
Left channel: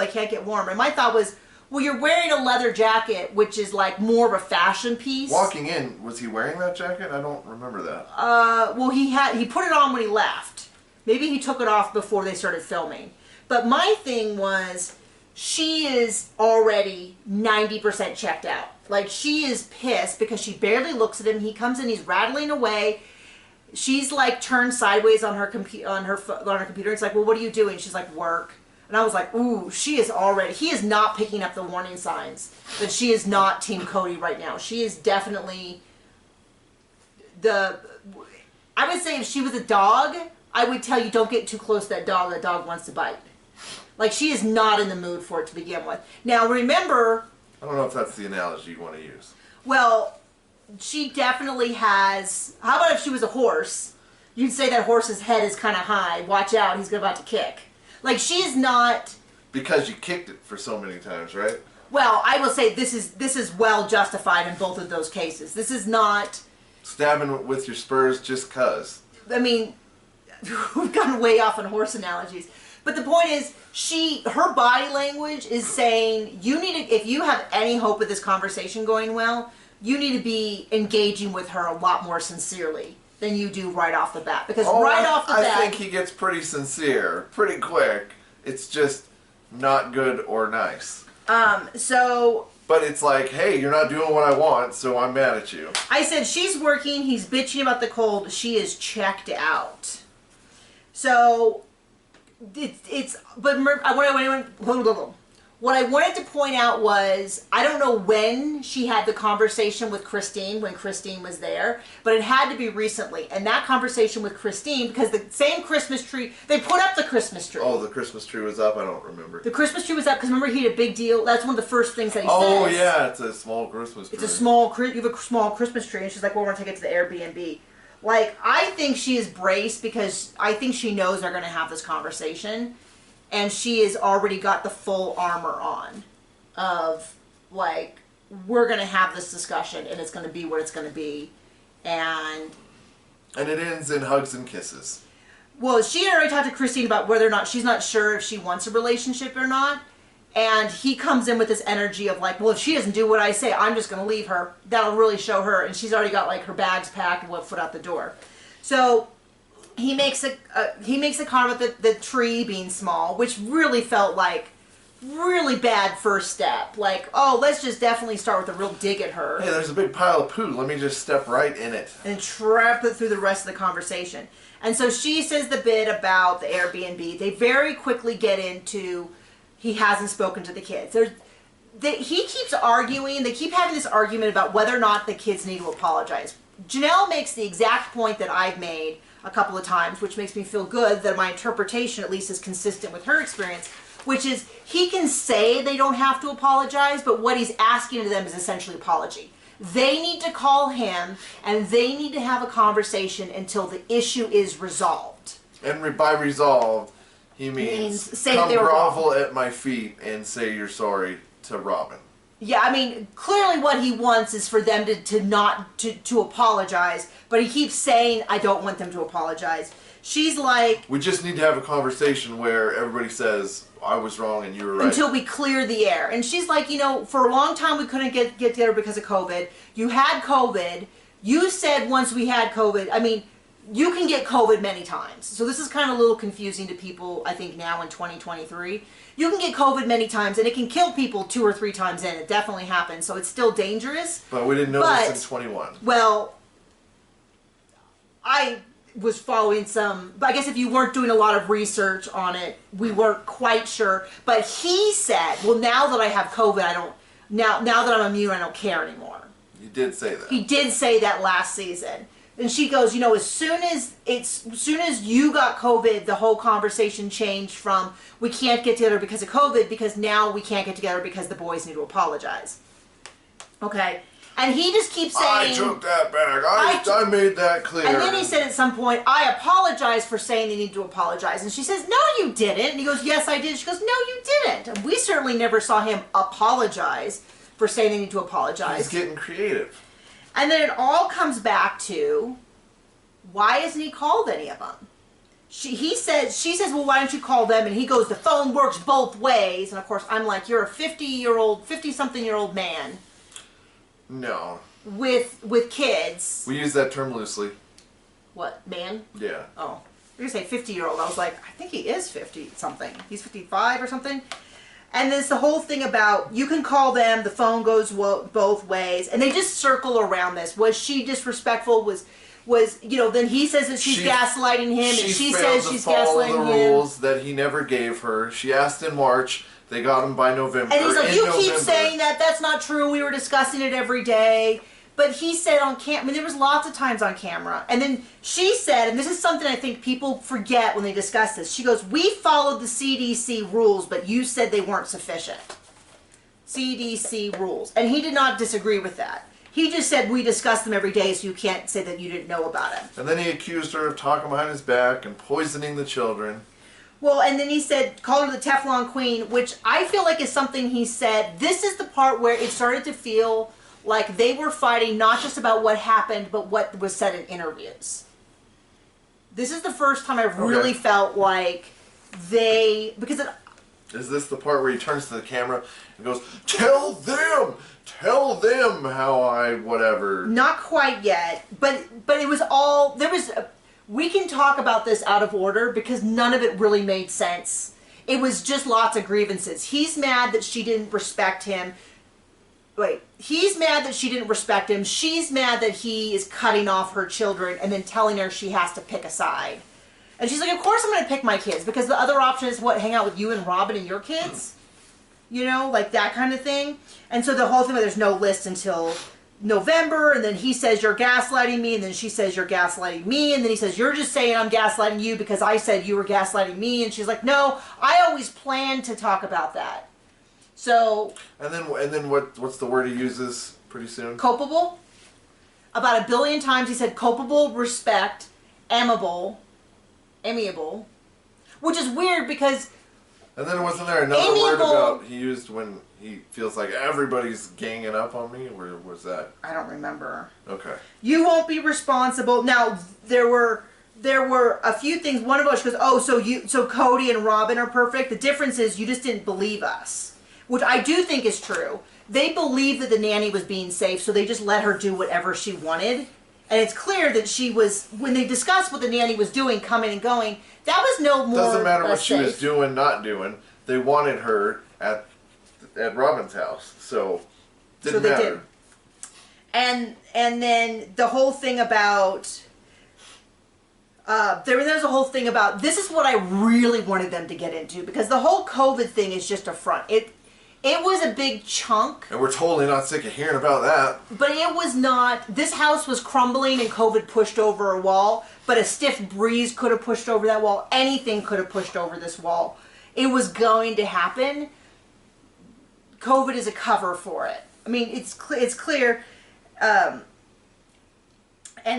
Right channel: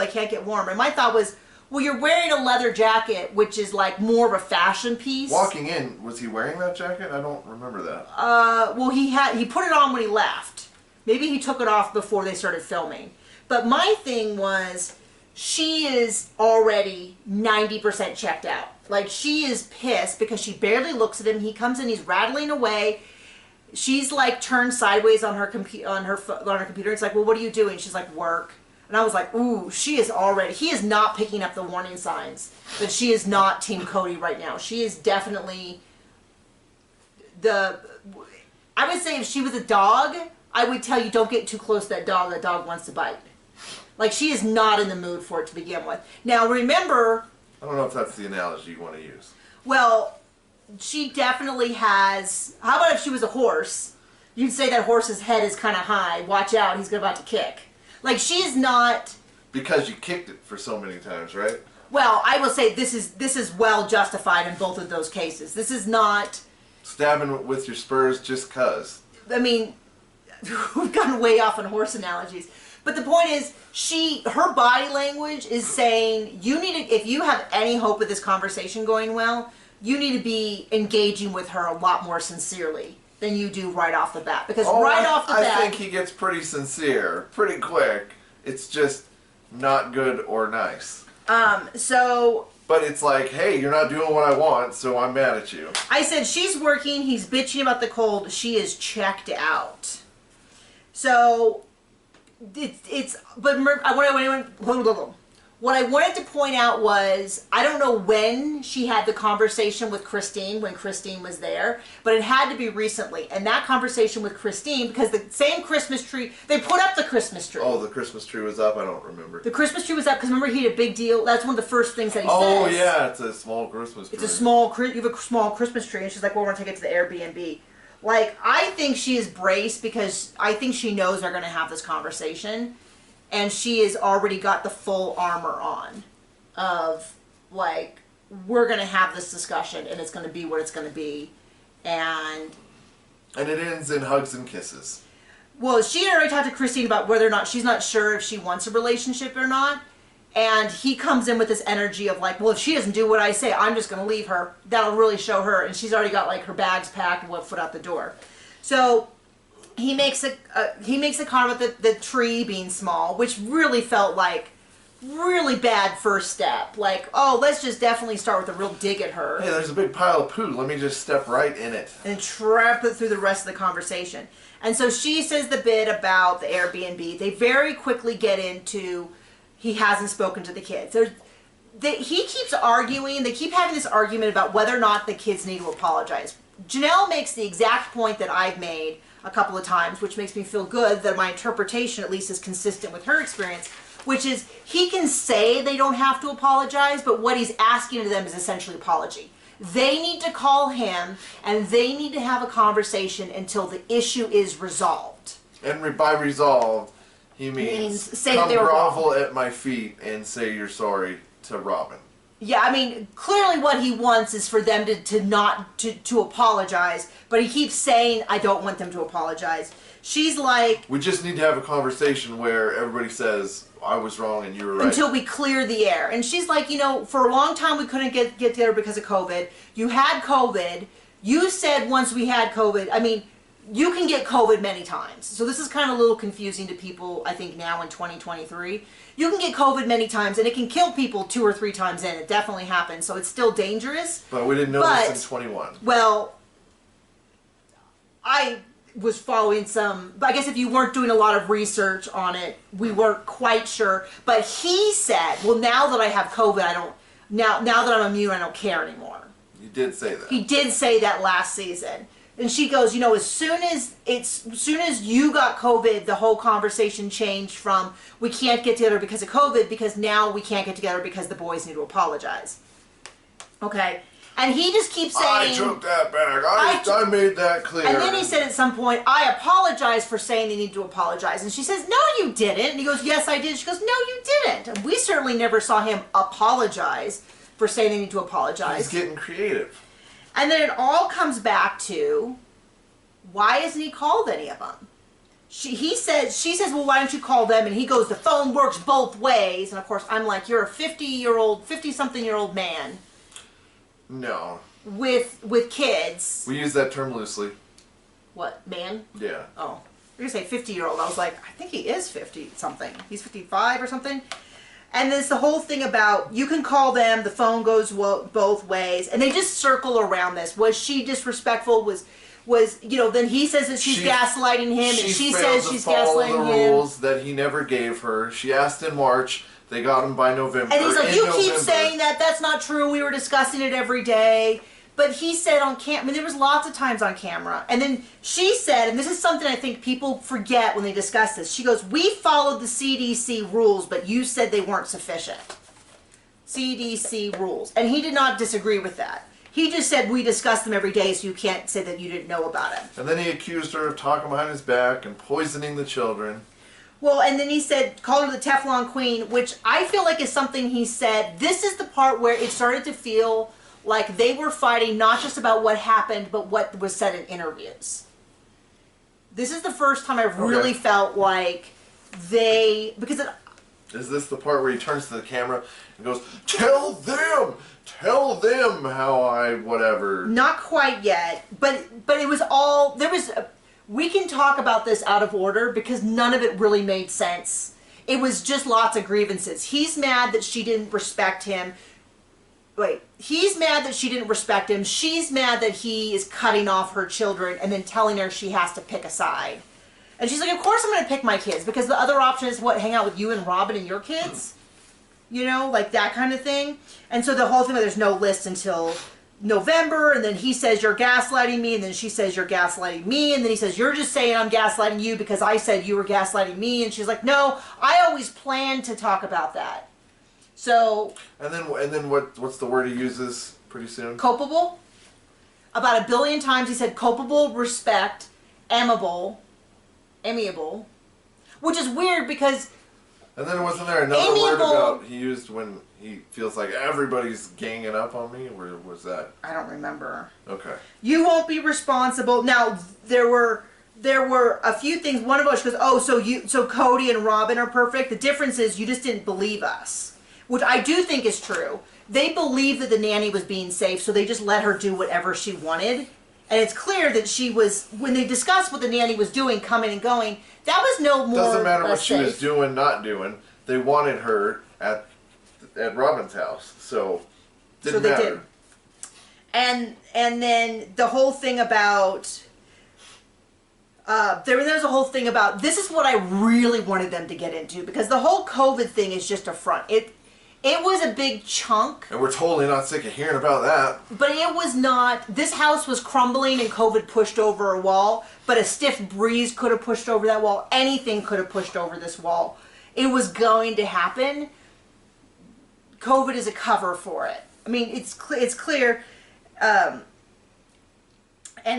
I can't get warm." And my thought was, well, you're wearing a leather jacket, which is like more of a fashion piece. Walking in, was he wearing that jacket? I don't remember that. Well, he put it on when he left. Maybe he took it off before they started filming. But my thing was, she is already 90% checked out. Like, she is pissed because she barely looks at him. He comes in, he's rattling away. She's like turned sideways on her computer. It's like, well, what are you doing? She's like, work. And I was like, ooh, he is not picking up the warning signs. But she is not Team Cody right now. She is definitely I would say if she was a dog, I would tell you, don't get too close to that dog. That dog wants to bite. Like, she is not in the mood for it to begin with. Now, remember, I don't know if that's the analogy you want to use. Well, she definitely has. How about if she was a horse? You'd say that horse's head is kind of high. Watch out, he's about to kick. Like, she's not. Because you kicked it for so many times, right? Well, I will say this is well justified in both of those cases. This is not. stabbing with your spurs just 'cause. I mean, we've gotten way off on horse analogies. But the point is, her body language is saying, if you have any hope of this conversation going well, you need to be engaging with her a lot more sincerely than you do right off the bat. Because off the bat... I think he gets pretty sincere, pretty quick. It's just not good or nice. But it's like, hey, you're not doing what I want, so I'm mad at you. I said, she's working, he's bitching about the cold, she is checked out. So... What I wanted to point out was, I don't know when she had the conversation with Christine, when Christine was there, but it had to be recently. And that conversation with Christine, because the same Christmas tree, they put up the Christmas tree. Oh, the Christmas tree was up? I don't remember. The Christmas tree was up, because remember he had a big deal, that's one of the first things that he says. Oh yeah, it's a small Christmas tree. You have a small Christmas tree, and she's like, well, we're going to take it to the Airbnb. Like, I think she is braced because I think she knows they're going to have this conversation. And she has already got the full armor on of, like, we're going to have this discussion and it's going to be what it's going to be. And it ends in hugs and kisses. Well, she had already talked to Christine about whether or not she's not sure if she wants a relationship or not. And he comes in with this energy of like, well, if she doesn't do what I say, I'm just going to leave her. That'll really show her. And she's already got like her bags packed and 1 foot out the door. So he makes a comment about the tree being small, which really felt like really bad first step. Like, oh, let's just definitely start with a real dig at her. Hey, there's a big pile of poo. Let me just step right in it. And trap it through the rest of the conversation. And so she says the bit about the Airbnb. They very quickly get into... He hasn't spoken to the kids. He keeps arguing. They keep having this argument about whether or not the kids need to apologize. Janelle makes the exact point that I've made a couple of times, which makes me feel good that my interpretation at least is consistent with her experience, which is he can say they don't have to apologize, but what he's asking of them is essentially apology. They need to call him, and they need to have a conversation until the issue is resolved. And by resolved... He means say come they were grovel wrong at my feet and say you're sorry to Robin. Yeah, I mean, clearly what he wants is for them to apologize, but he keeps saying, I don't want them to apologize. She's like... We just need to have a conversation where everybody says, I was wrong and you were right. Until we clear the air. And she's like, you know, for a long time we couldn't get together because of COVID. You had COVID. You said once we had COVID, I mean... You can get COVID many times. So this is kind of a little confusing to people, I think, now in 2023. You can get COVID many times, and it can kill people 2 or 3 times in. It definitely happens. So it's still dangerous. But we didn't know this in 21. Well, I was following some... I guess if you weren't doing a lot of research on it, we weren't quite sure. But he said, well, now that I have COVID, I don't... Now that I'm immune, I don't care anymore. He did say that. He did say that last season. And she goes, you know, as soon as you got COVID, the whole conversation changed from we can't get together because of COVID, because now we can't get together because the boys need to apologize. Okay. And he just keeps saying... I took that back. I made that clear. And then he said at some point, I apologize for saying they need to apologize. And she says, no, you didn't. And he goes, yes, I did. She goes, no, you didn't. And we certainly never saw him apologize for saying they need to apologize. He's getting creative. And then it all comes back to, why hasn't he called any of them? She says, well, why don't you call them? And he goes, the phone works both ways. And of course, I'm like, you're a 50-something-year-old man. No. With kids. We use that term loosely. What, man? Yeah. Oh, you're going to say 50-year-old. I was like, I think he is 50-something. He's 55 or something. And there's the whole thing about, you can call them, the phone goes both ways, and they just circle around this. Was she disrespectful? Was you know, then he says that she's gaslighting him, and she says she's gaslighting him. The rules that he never gave her. She asked in March, they got him by November. And he's like, you keep saying that, that's not true, we were discussing it every day. But he said on camera, I mean, there was lots of times on camera. And then she said, and this is something I think people forget when they discuss this. She goes, we followed the CDC rules, but you said they weren't sufficient. CDC rules. And he did not disagree with that. He just said, we discuss them every day, so you can't say that you didn't know about it. And then he accused her of talking behind his back and poisoning the children. Well, and then he said, called her the Teflon Queen, which I feel like is something he said. This is the part where it started to feel like they were fighting not just about what happened, but what was said in interviews. This is the first time I've really felt like because is this the part where he turns to the camera and goes, tell them how I whatever. Not quite yet, but it was all, we can talk about this out of order because none of it really made sense. It was just lots of grievances. He's mad that she didn't respect him. He's mad that she didn't respect him. She's mad that he is cutting off her children and then telling her she has to pick a side. And she's like, of course I'm going to pick my kids, because the other option is what, hang out with you and Robin and your kids? You know, like that kind of thing. And so the whole thing, there's no list until November, and then he says, you're gaslighting me, and then she says, you're gaslighting me, and then he says, you're just saying I'm gaslighting you because I said you were gaslighting me, and she's like, no, I always planned to talk about that. So... And then what's the word he uses pretty soon? Culpable. About 1 billion times he said culpable, respect, amiable, which is weird because... And then wasn't there another word about he used when he feels like everybody's ganging up on me? Where was that? I don't remember. Okay. You won't be responsible. Now, there were a few things. One of us goes, oh, so Cody and Robin are perfect. The difference is you just didn't believe us, which I do think is true. They believed that the nanny was being safe, so they just let her do whatever she wanted. And it's clear that she was, when they discussed what the nanny was doing, coming and going, that was no more doesn't matter what she safe. was doing, not doing. They wanted her at Robin's house, so didn't matter. Did. And then the whole thing about there was a whole thing about, this is what I really wanted them to get into, because the whole COVID thing is just a front. It was a big chunk. And we're totally not sick of hearing about that. But it was not, this house was crumbling and COVID pushed over a wall, but a stiff breeze could have pushed over that wall. Anything could have pushed over this wall. It was going to happen. COVID is a cover for it. I mean, it's clear. And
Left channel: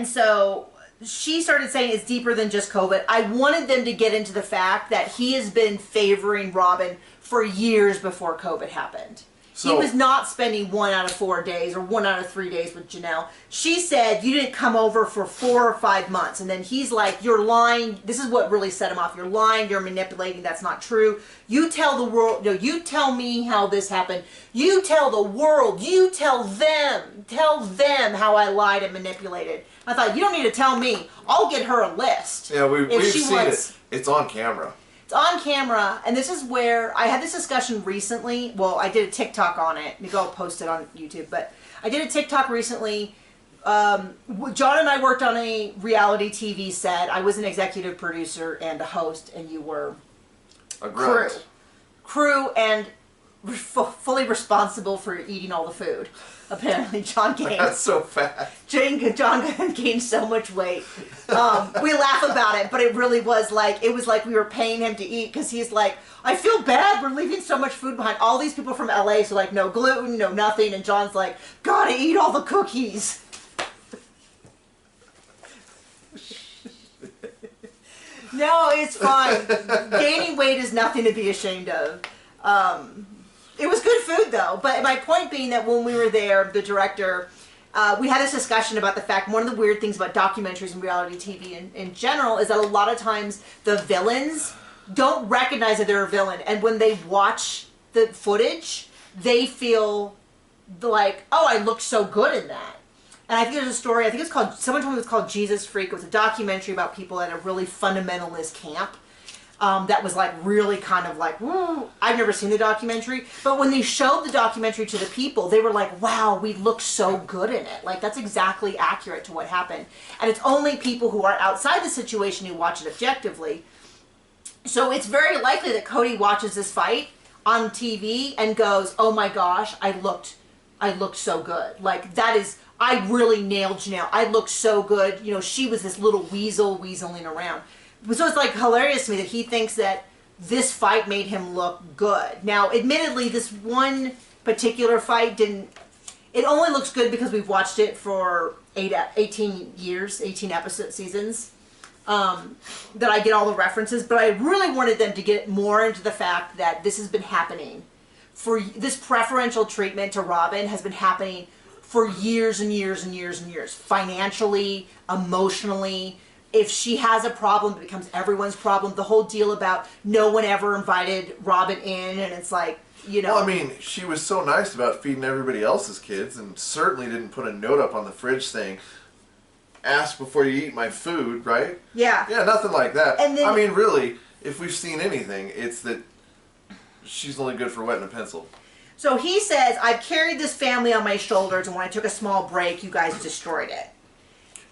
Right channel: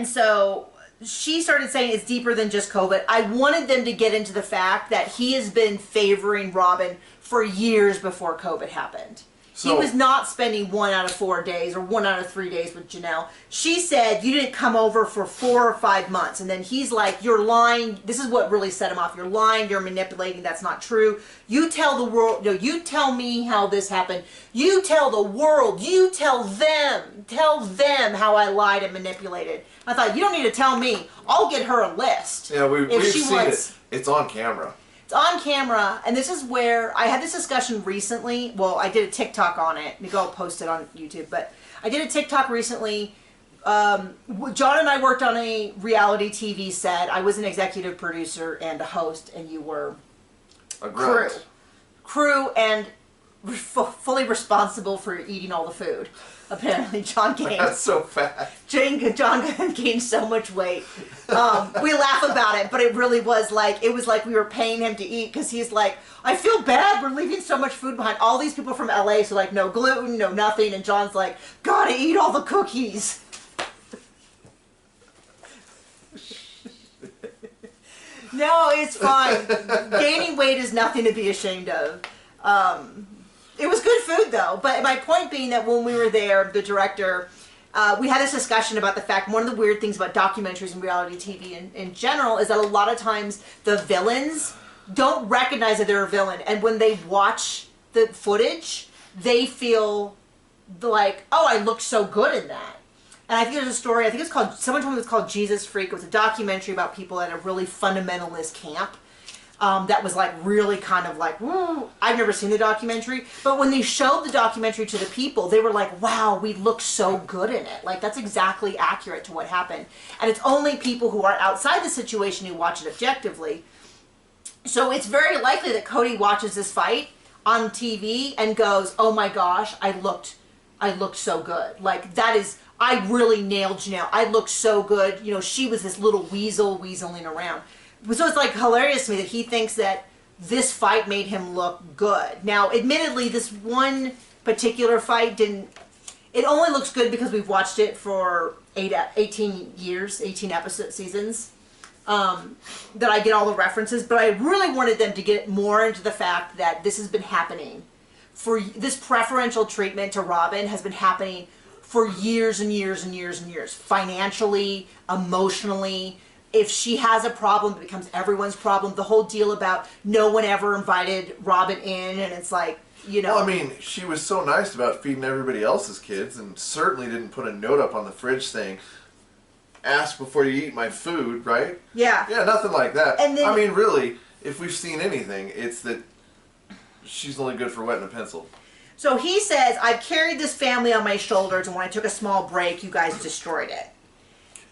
so she started saying it's deeper than just COVID. I wanted them to get into the fact that he has been favoring Robin for years before COVID happened. So, he was not spending 1 out of 4 days or 1 out of 3 days with Janelle. She said, you didn't come over for 4 or 5 months. And then he's like, you're lying. This is what really set him off. You're lying. You're manipulating. That's not true. You tell the world. No, you tell me how this happened. You tell the world. You tell them. Tell them how I lied and manipulated. I thought, you don't need to tell me. I'll get her a list. Yeah, we've seen it. It's on camera. On camera, and this is where I had this discussion recently. Well, I did a TikTok on it. Maybe I'll post it on YouTube, but I did a TikTok recently. John and I worked on a reality TV set. I was an executive producer and a host, and you were a crew, and fully responsible for eating all the food. Apparently, John gained. That's so fat. John gained so much weight. We laugh about it, but it really was like, we were paying him to eat, because he's like, I feel bad, we're leaving so much food behind. All these people from LA, so like no gluten, no nothing, and John's like, gotta eat all the cookies. No, it's fine. Gaining weight is nothing to be ashamed of. It was good food, though. But my point being that when we were there, the director, we had this discussion about the fact, one of the weird things about documentaries and reality TV in general is that a lot of times the villains don't recognize that they're a villain. And when they watch the footage, they feel like, oh, I looked so good in that. And I think there's a story, I think it's called, someone told me it was called Jesus Freak. It was a documentary about people at a really fundamentalist camp. That was like really kind of like, woo. I've never seen the documentary, but when they showed the documentary to the people, they were like, wow, we look so good in it. Like, that's exactly accurate to what happened. And it's only people who are outside the situation who watch it objectively. So it's very likely that Cody watches this fight on TV and goes, oh my gosh, I looked so good. Like, that is, I really nailed Janelle. I looked so good. You know, she was this little weaseling around. So it's like hilarious to me that he thinks that this fight made him look good. Now, admittedly, this one particular fight it only looks good because we've watched it for 18 years, 18 episode seasons, that I get all the references, but I really wanted them to get more into the fact that this has been happening. For this preferential treatment to Robin has been happening for years and years and years and years. Financially, emotionally. If she has a problem, it becomes everyone's problem. The whole deal about no one ever invited Robin in, and it's like, you know. Well, I mean, she was so nice about feeding everybody else's kids, and certainly didn't put a note up on the fridge saying, ask before you eat my food, right? Yeah. Yeah, nothing like that. And then, I mean, really, if we've seen anything, it's that she's only good for wetting a pencil. So he says, I've carried this family on my shoulders, and when I took a small break, you guys destroyed it.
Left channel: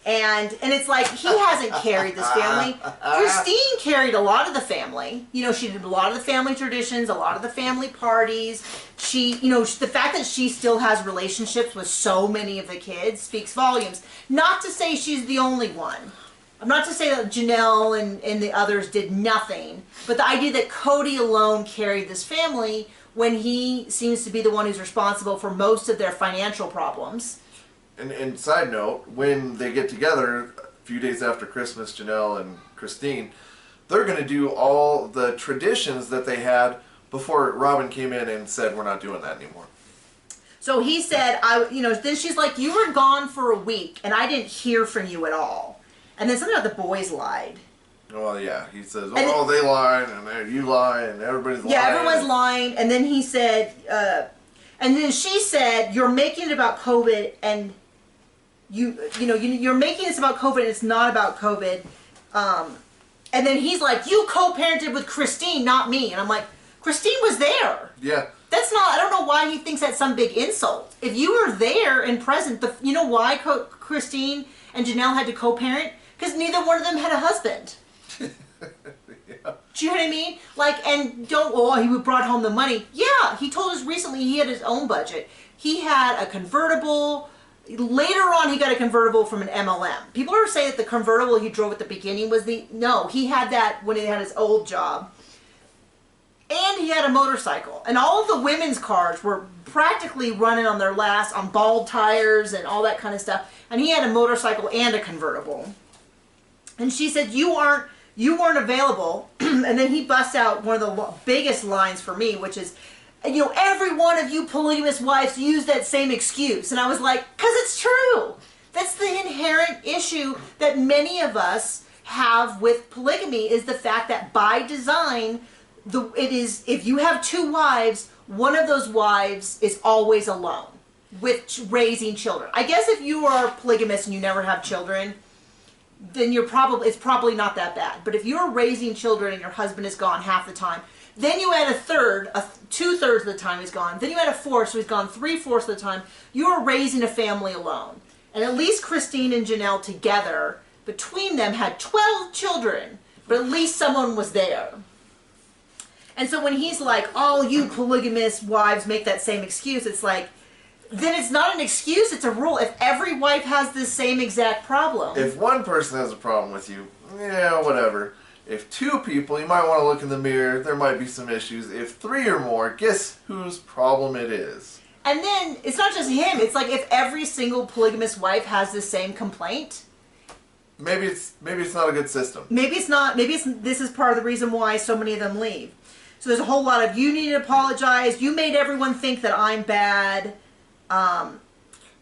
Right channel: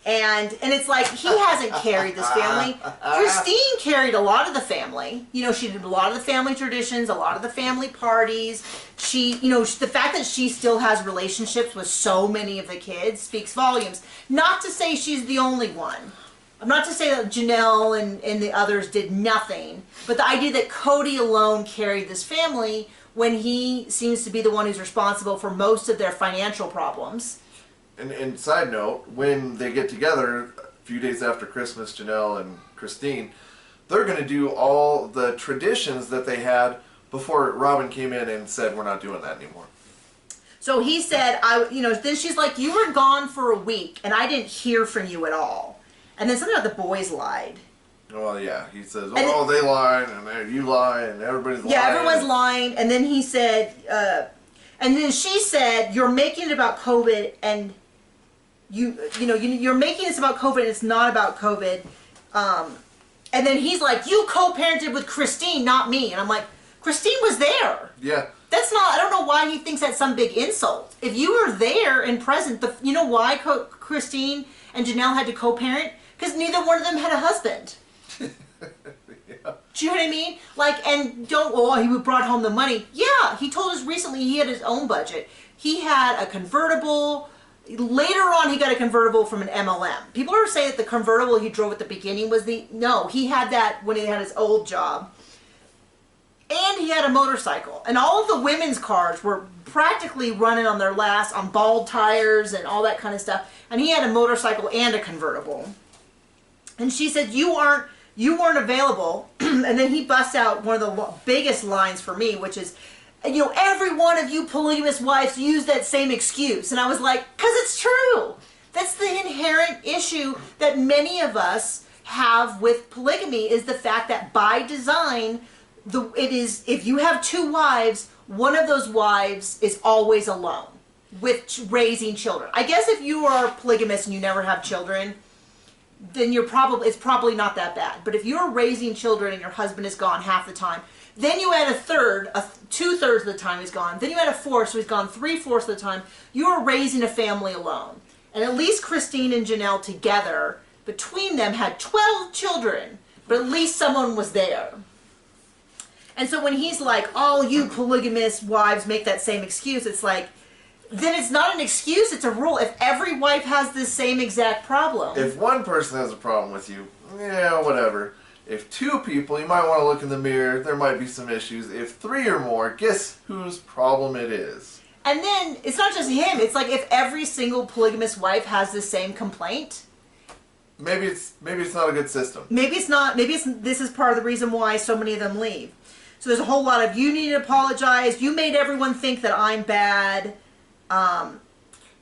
And it's like, he hasn't carried this family. Christine carried a lot of the family. You know, she did a lot of the family traditions, a lot of the family parties. She, you know, the fact that she still has relationships with so many of the kids speaks volumes. Not to say she's the only one. I'm not to say that Janelle and the others did nothing, but the idea that Cody alone carried this family when he seems to be the one who's responsible for most of their financial problems. And side note, when they get together a few days after Christmas, Janelle and Christine, they're going to do all the traditions that they had before Robin came in and said, we're not doing that anymore. So he said, then she's like, you were gone for a week and I didn't hear from you at all. And then something about the boys lied. Well, yeah, he says, oh, they lied and you lie and everybody's lying. Yeah, everyone's lying. And then he said, and then she said, you're making it about COVID and you're making this about COVID and it's not about COVID. And then he's like, you co-parented with Christine, not me. And I'm like, Christine was there. Yeah. That's not, I don't know why he thinks that's some big insult. If you were there and present, you know why Christine and Janelle had to co-parent? Because neither one of them had a husband. Yeah. Do you know what I mean? Like, and he brought home the money. Yeah, he told us recently he had his own budget. He had a convertible. Later on, he got a convertible from an MLM. People are saying that the convertible he drove at the beginning was no, he had that when he had his old job. And he had a motorcycle. And all of the women's cars were practically running on their last, on bald tires and all that kind of stuff. And he had a motorcycle and a convertible. And she said, you weren't available. And then he busts out one of the biggest lines for me, which is, every one of you polygamous wives use that same excuse. And I was like, because it's true. That's the inherent issue that many of us have with polygamy, is the fact that by design, if you have two wives, one of those wives is always alone with raising children. I guess if you are polygamous and you never have children, then it's probably not that bad. But if you're raising children and your husband is gone half the time, then you add a third, 2/3 of the time he's gone. Then you add a fourth, so he's gone 3/4 of the time. You are raising a family alone. And at least Christine and Janelle together, between them, had 12 children. But at least someone was there. And so when he's like, all you polygamous wives make that same excuse, it's like, then it's not an excuse, it's a rule. If every wife has the same exact problem. If one person has a problem with you, yeah, whatever. If two people, you might want to look in the mirror, there might be some issues. If three or more, guess whose problem it is? And then, it's not just him, it's like if every single polygamous wife has the same complaint. Maybe it's not a good system. Maybe it's not, this is part of the reason why so many of them leave. So there's a whole lot of, you need to apologize, you made everyone think that I'm bad.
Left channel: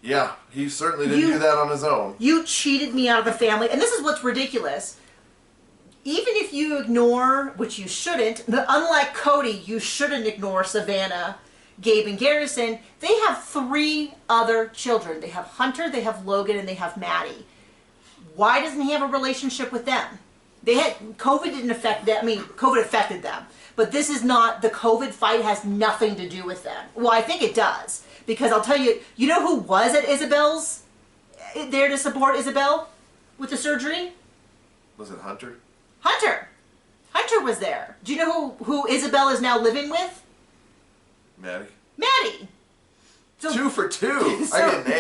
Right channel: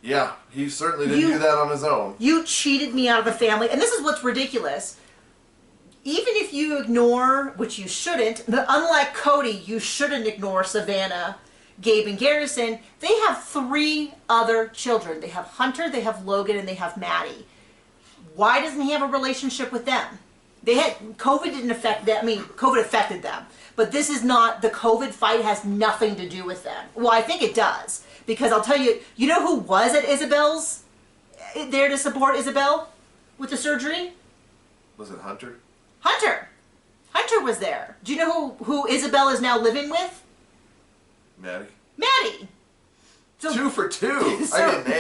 Yeah, he certainly didn't do that on his own. You cheated me out of the family. And this is what's ridiculous. Even if you ignore, which you shouldn't, but unlike Cody, you shouldn't ignore Savannah, Gabe, and Garrison. They have 3 other children. They have Hunter, they have Logan, and they have Maddie. Why doesn't he have a relationship with them? COVID didn't affect them. I mean, COVID affected them. But this is not, the COVID fight has nothing to do with them. Well, I think it does. Because I'll tell you, you know who was at Isabel's, there to support Isabel with the surgery? Was it Hunter? Hunter. Hunter was there. Do you know who Isabel is now living with? Maddie. Maddie. So, 2 for 2. I get an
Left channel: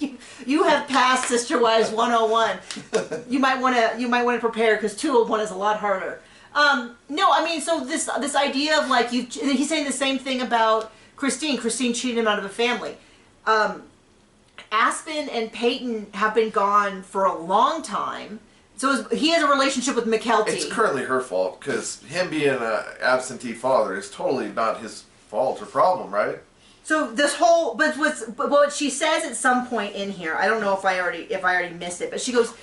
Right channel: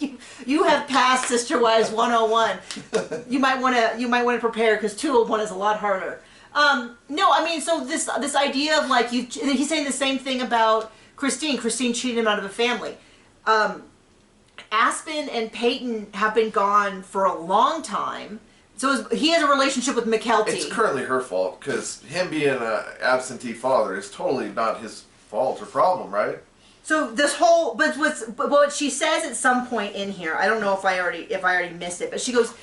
A. You have passed Sister Wives 101. You might want to prepare, because 201 is a lot harder. No, I mean, so this idea of like he's saying the same thing about Christine. Christine cheated him out of a family. Aspen and Peyton have been gone for a long time. So he has a relationship with McKelty. It's currently her fault, because him being an absentee father is totally not his fault or problem, right? So this whole, but what she says at some point in here, I don't know if I already missed it, but she goes,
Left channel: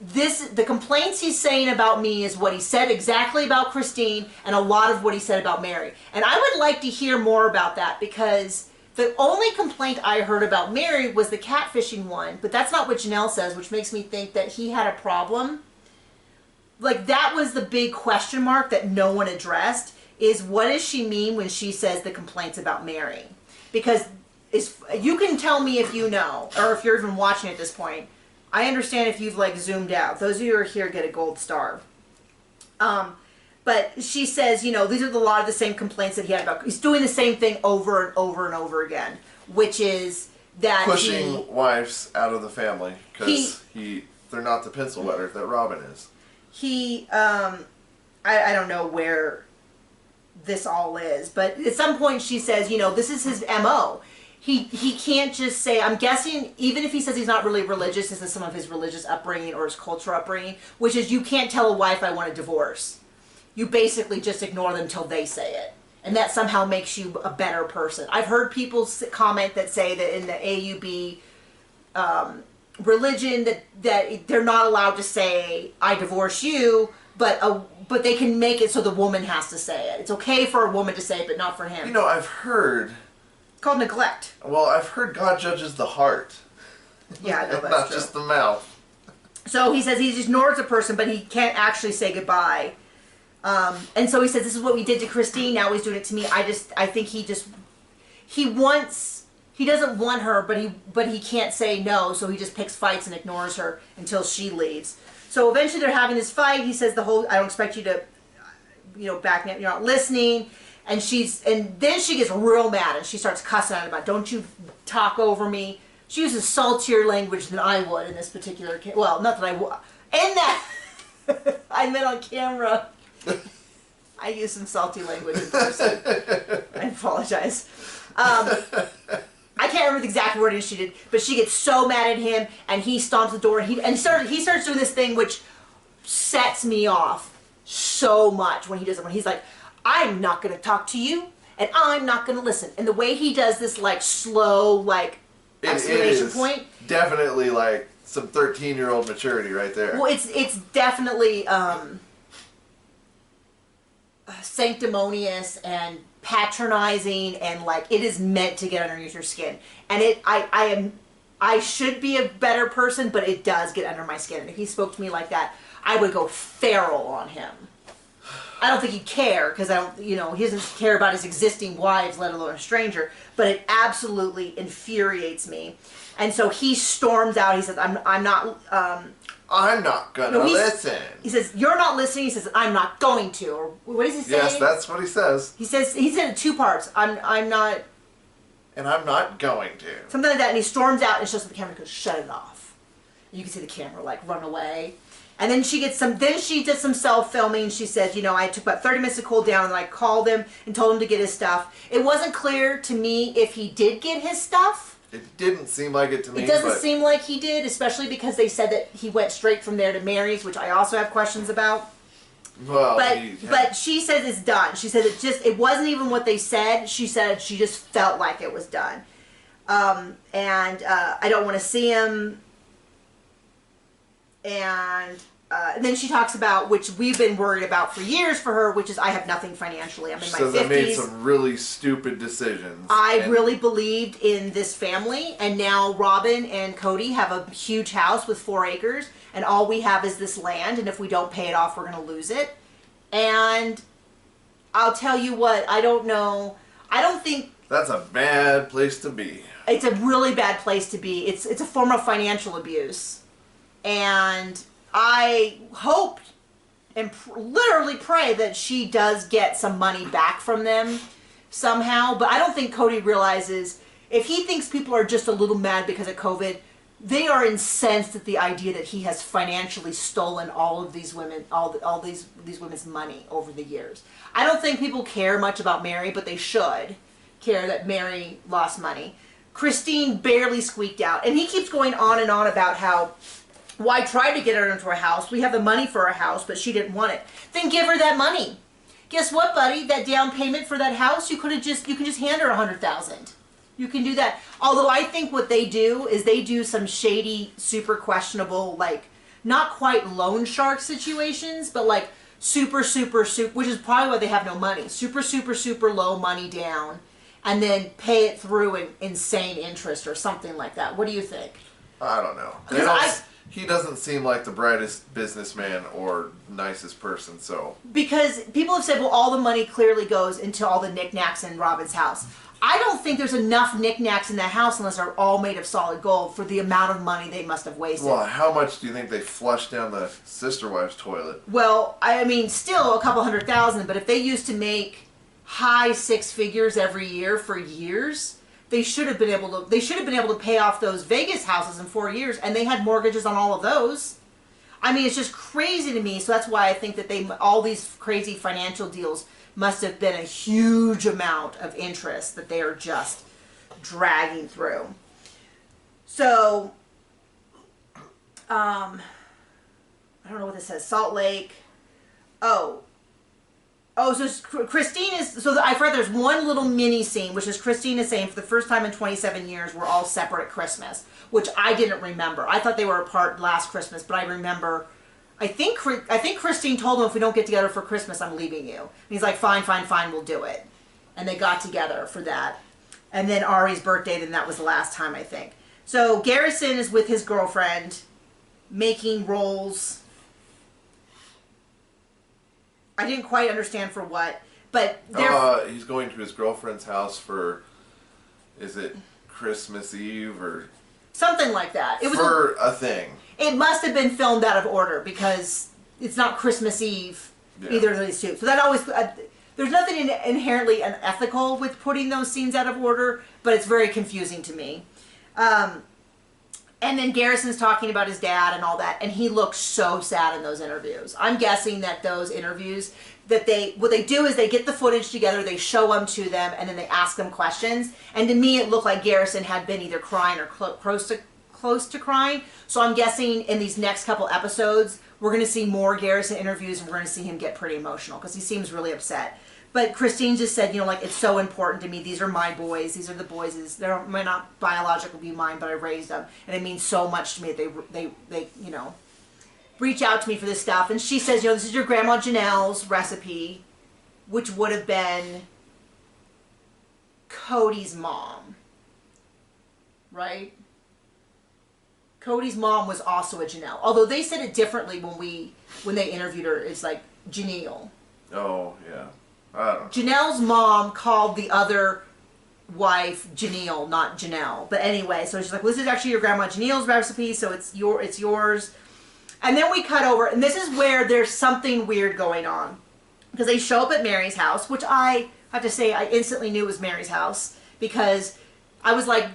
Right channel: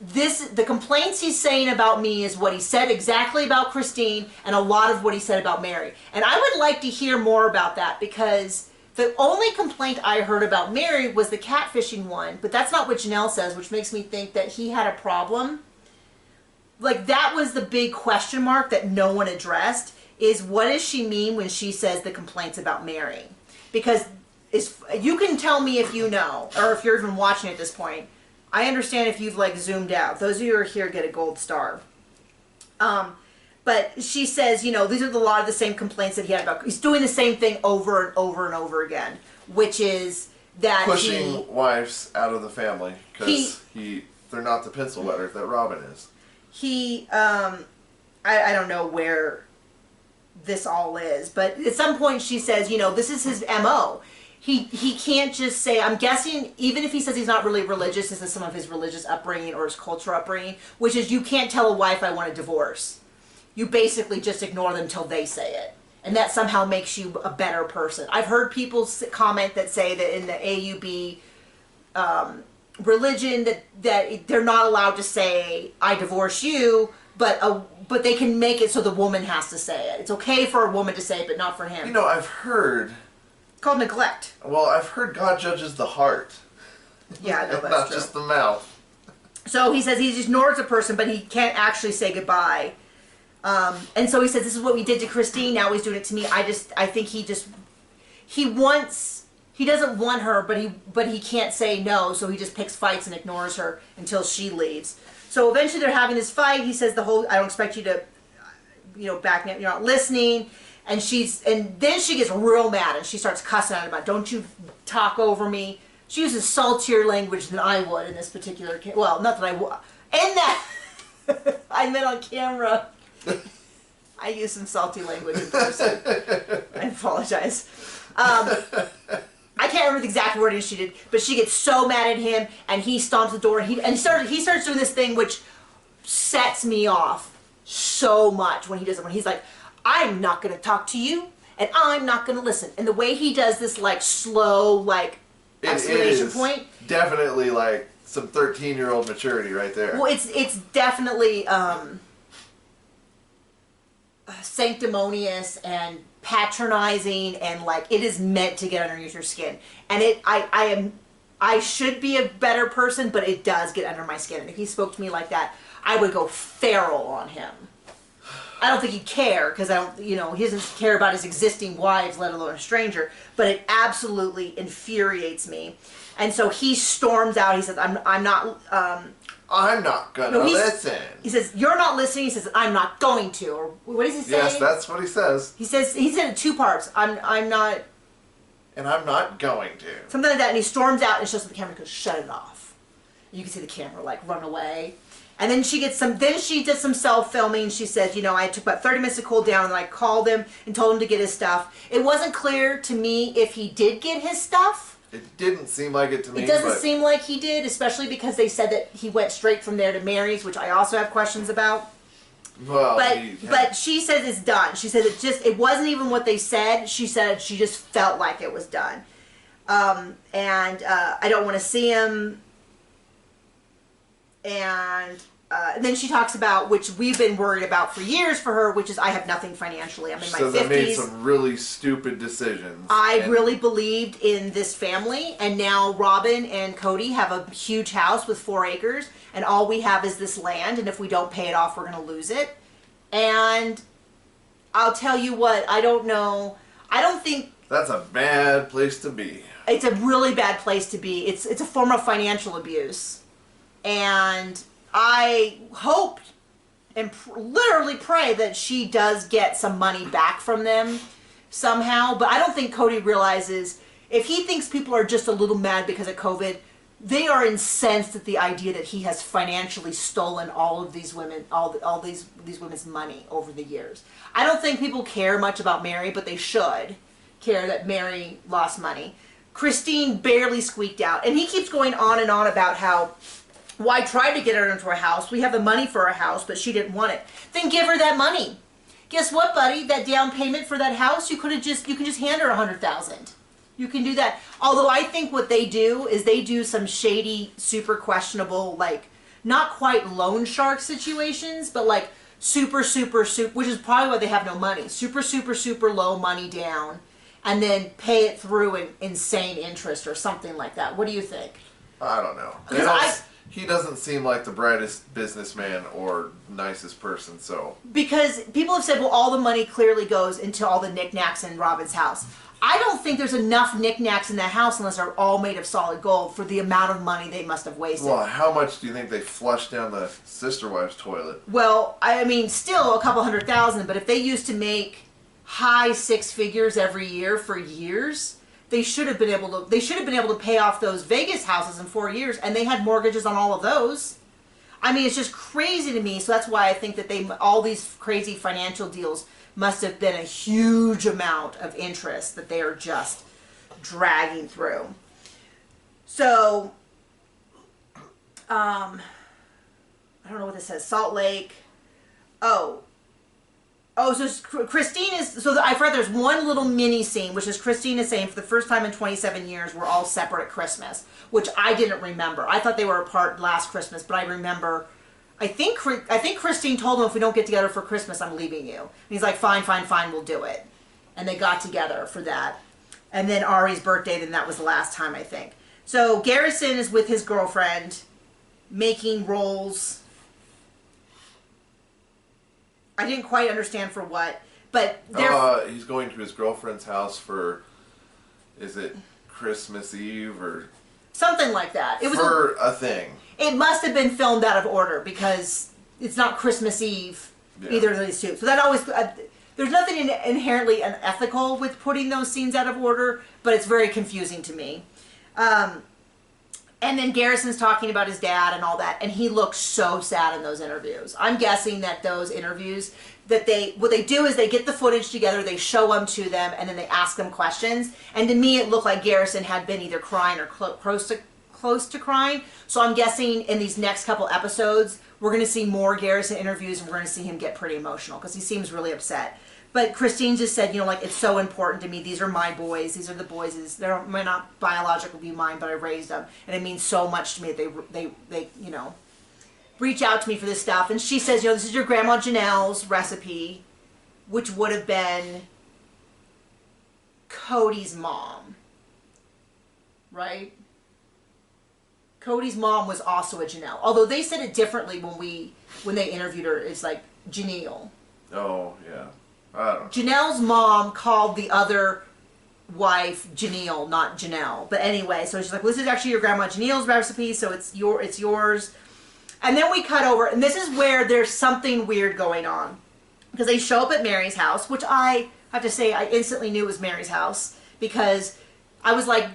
the complaints he's saying about me is what he said exactly about Christine and a lot of what he said about Mary. And I would like to hear more about that, because the only complaint I heard about Mary was the catfishing one, but that's not what Janelle says, which makes me think that he had a problem. Like, that was the big question mark that no one addressed, is what does she mean when she says the complaints about Mary? Because you can tell me if you know, or if you're even watching at this point. I understand if you've like zoomed out. Those of you who are here get a gold star. But she says, you know, these are a lot of the same complaints that he had about. He's doing the same thing over and over and over again, which is that pushing wives out of the family because they're not the pencil wetter that Robin is. I don't know where this all is, but at some point she says, you know, this is his MO. He can't just say, I'm guessing, even if he says he's not really religious, this is some of his religious upbringing or his cultural upbringing, which is you can't tell a wife I want a divorce. You basically just ignore them until they say it. And that somehow makes you a better person. I've heard people comment that say that in the AUB religion that they're not allowed to say, I divorce you, but they can make it so the woman has to say it. It's okay for a woman to say it, but not for him. You know, I've heard... It's called neglect. Well, I've heard God judges the heart. Yeah, I know that's not true. just the mouth. So he says he ignores a person, but he can't actually say goodbye. And so he says, this is what we did to Christine, now he's doing it to me. I think he doesn't want her, but he can't say no, so he just picks fights and ignores her until she leaves. So eventually they're having this fight. He says I don't expect you to, back me up, you're not listening. And then she gets real mad and she starts cussing at him about, don't you talk over me. She uses saltier language than I would in this particular case. Well, not that I would. And that, I meant on camera. I use some salty language in person. I apologize. I can't remember the exact wording she did, but she gets so mad at him and he stomps the door and he starts doing this thing which sets me off so much when he does it. When he's like, I'm not going to talk to you, and I'm not going to listen. And the way he does this, like, slow, like, exclamation point. Definitely, like, some 13-year-old maturity right there. Well, it's definitely sanctimonious and patronizing, and, like, it is meant to get underneath your skin. And I should be a better person, but it does get under my skin. And if he spoke to me like that, I would go feral on him. I don't think he'd care, because he doesn't care about his existing wives, let alone a stranger, but it absolutely infuriates me. And so he storms out. He says, I'm not gonna listen. He says, you're not listening. He says, I'm not going to. Or what does he say? Yes, that's what he says. He said it in two parts. I'm not. And I'm not going to. Something like that. And he storms out and shows the camera, goes, shut it off. And you can see the camera, like, run away. And then she did some self-filming. She said, I took about 30 minutes to cool down, and then I called him and told him to get his stuff. It wasn't clear to me if he did get his stuff. It didn't seem like it to me. It doesn't seem like he did, especially because they said that he went straight from there to Mary's, which I also have questions about. Well, but she says it's done. She said it wasn't even what they said. She said she just felt like it was done. And I don't want to see him. And then she talks about, which we've been worried about for years for her, which is I have nothing financially. I'm in my 50s. I made some really stupid decisions. I really believed in this family, and now Robin and Cody have a huge house with 4 acres, and all we have is this land, and if we don't pay it off, we're going to lose it. And I'll tell you what, I don't know. I don't think... That's a bad place to be. It's a really bad place to be. It's a form of financial abuse. And I hope and literally pray that she does get some money back from them somehow. But I don't think Cody realizes, if he thinks people are just a little mad because of COVID, they are incensed at the idea that he has financially stolen all of these women, all these women's money over the years. I don't think people care much about Mary, but they should care that Mary lost money. Christine barely squeaked out. And he keeps going on and on about how, well, I tried to get her into a house. We have the money for a house, but she didn't want it. Then give her that money. Guess what, buddy? That down payment for that house, you can just hand her $100,000. You can do that. Although I think what they do is they do some shady, super questionable, like, not quite loan shark situations, but like super, which is probably why they have no money. Super low money down, and then pay it through in insane interest or something like that. What do you think? I don't know. He doesn't seem like the brightest businessman or nicest person, so. Because people have said, well, all the money clearly goes into all the knickknacks in Robin's house. I don't think there's enough knickknacks in that house unless they're all made of solid gold for the amount of money they must have wasted. Well, how much do you think they flushed down the sister wife's toilet? Well, I mean, still a couple $100,000, but if they used to make high six figures every year for years, they should have been able to pay off those Vegas houses in 4 years, and they had mortgages on all of those. I mean, it's just crazy to me. So that's why I think that all these crazy financial deals must have been a huge amount of interest that they are just dragging through. So, I don't know what this says. Salt Lake. So Christine is, so I've read there's one little mini scene, which is Christine is saying for the first time in 27 years, we're all separate at Christmas, which I didn't remember. I thought they were apart last Christmas, but I remember, I think Christine told him, if we don't get together for Christmas, I'm leaving you. And he's like, fine, we'll do it. And they got together for that. And then Ari's birthday, then that was the last time, I think. So Garrison is with his girlfriend, making rolls. I didn't quite understand for what, but he's going to his girlfriend's house for, is it Christmas Eve or something like that? It was for a thing. It must have been filmed out of order because it's not Christmas Eve either of these two. So that always there's nothing inherently unethical with putting those scenes out of order, but it's very confusing to me. And then Garrison's talking about his dad and all that, and he looks so sad in those interviews. I'm guessing that those interviews, what they do is they get the footage together, they show them to them, and then they ask them questions. And to me, it looked like Garrison had been either crying or close to crying. So I'm guessing in these next couple episodes, we're going to see more Garrison interviews, and we're going to see him get pretty emotional because he seems really upset. But Christine just said, like, it's so important to me. These are my boys. These are the boys. They might not biologically be mine, but I raised them. And it means so much to me that they reach out to me for this stuff. And she says, this is your Grandma Janelle's recipe, which would have been Cody's mom. Right? Cody's mom was also a Janelle. Although they said it differently when they interviewed her. It's like Janelle. Oh, yeah. I don't know. Janelle's mom called the other wife Janelle, not Janelle. But anyway, so she's like, well, this is actually your Grandma Janelle's recipe, so it's yours. And then we cut over, and this is where there's something weird going on. Because they show up at Mary's house, which I have to say I instantly knew it was Mary's house. Because I was like,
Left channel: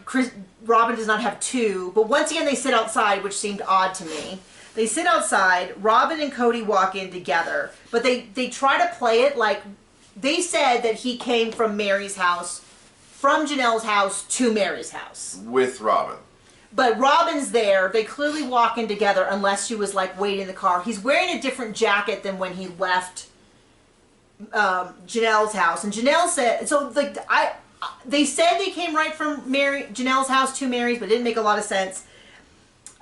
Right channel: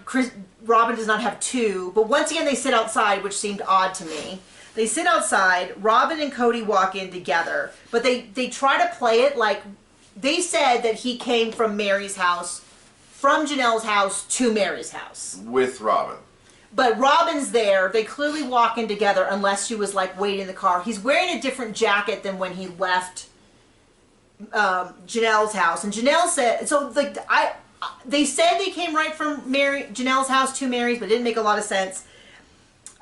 Robin does not have two. But once again, they sit outside, which seemed odd to me. They sit outside, Robin and Cody walk in together. But they try to play it like, they said that he came from Mary's house, from Janelle's house to Mary's house. With Robin. But Robin's there. They clearly walk in together unless she was like waiting in the car. He's wearing a different jacket than when he left Janelle's house. And Janelle said, they said they came right from Janelle's house to Mary's, but it didn't make a lot of sense.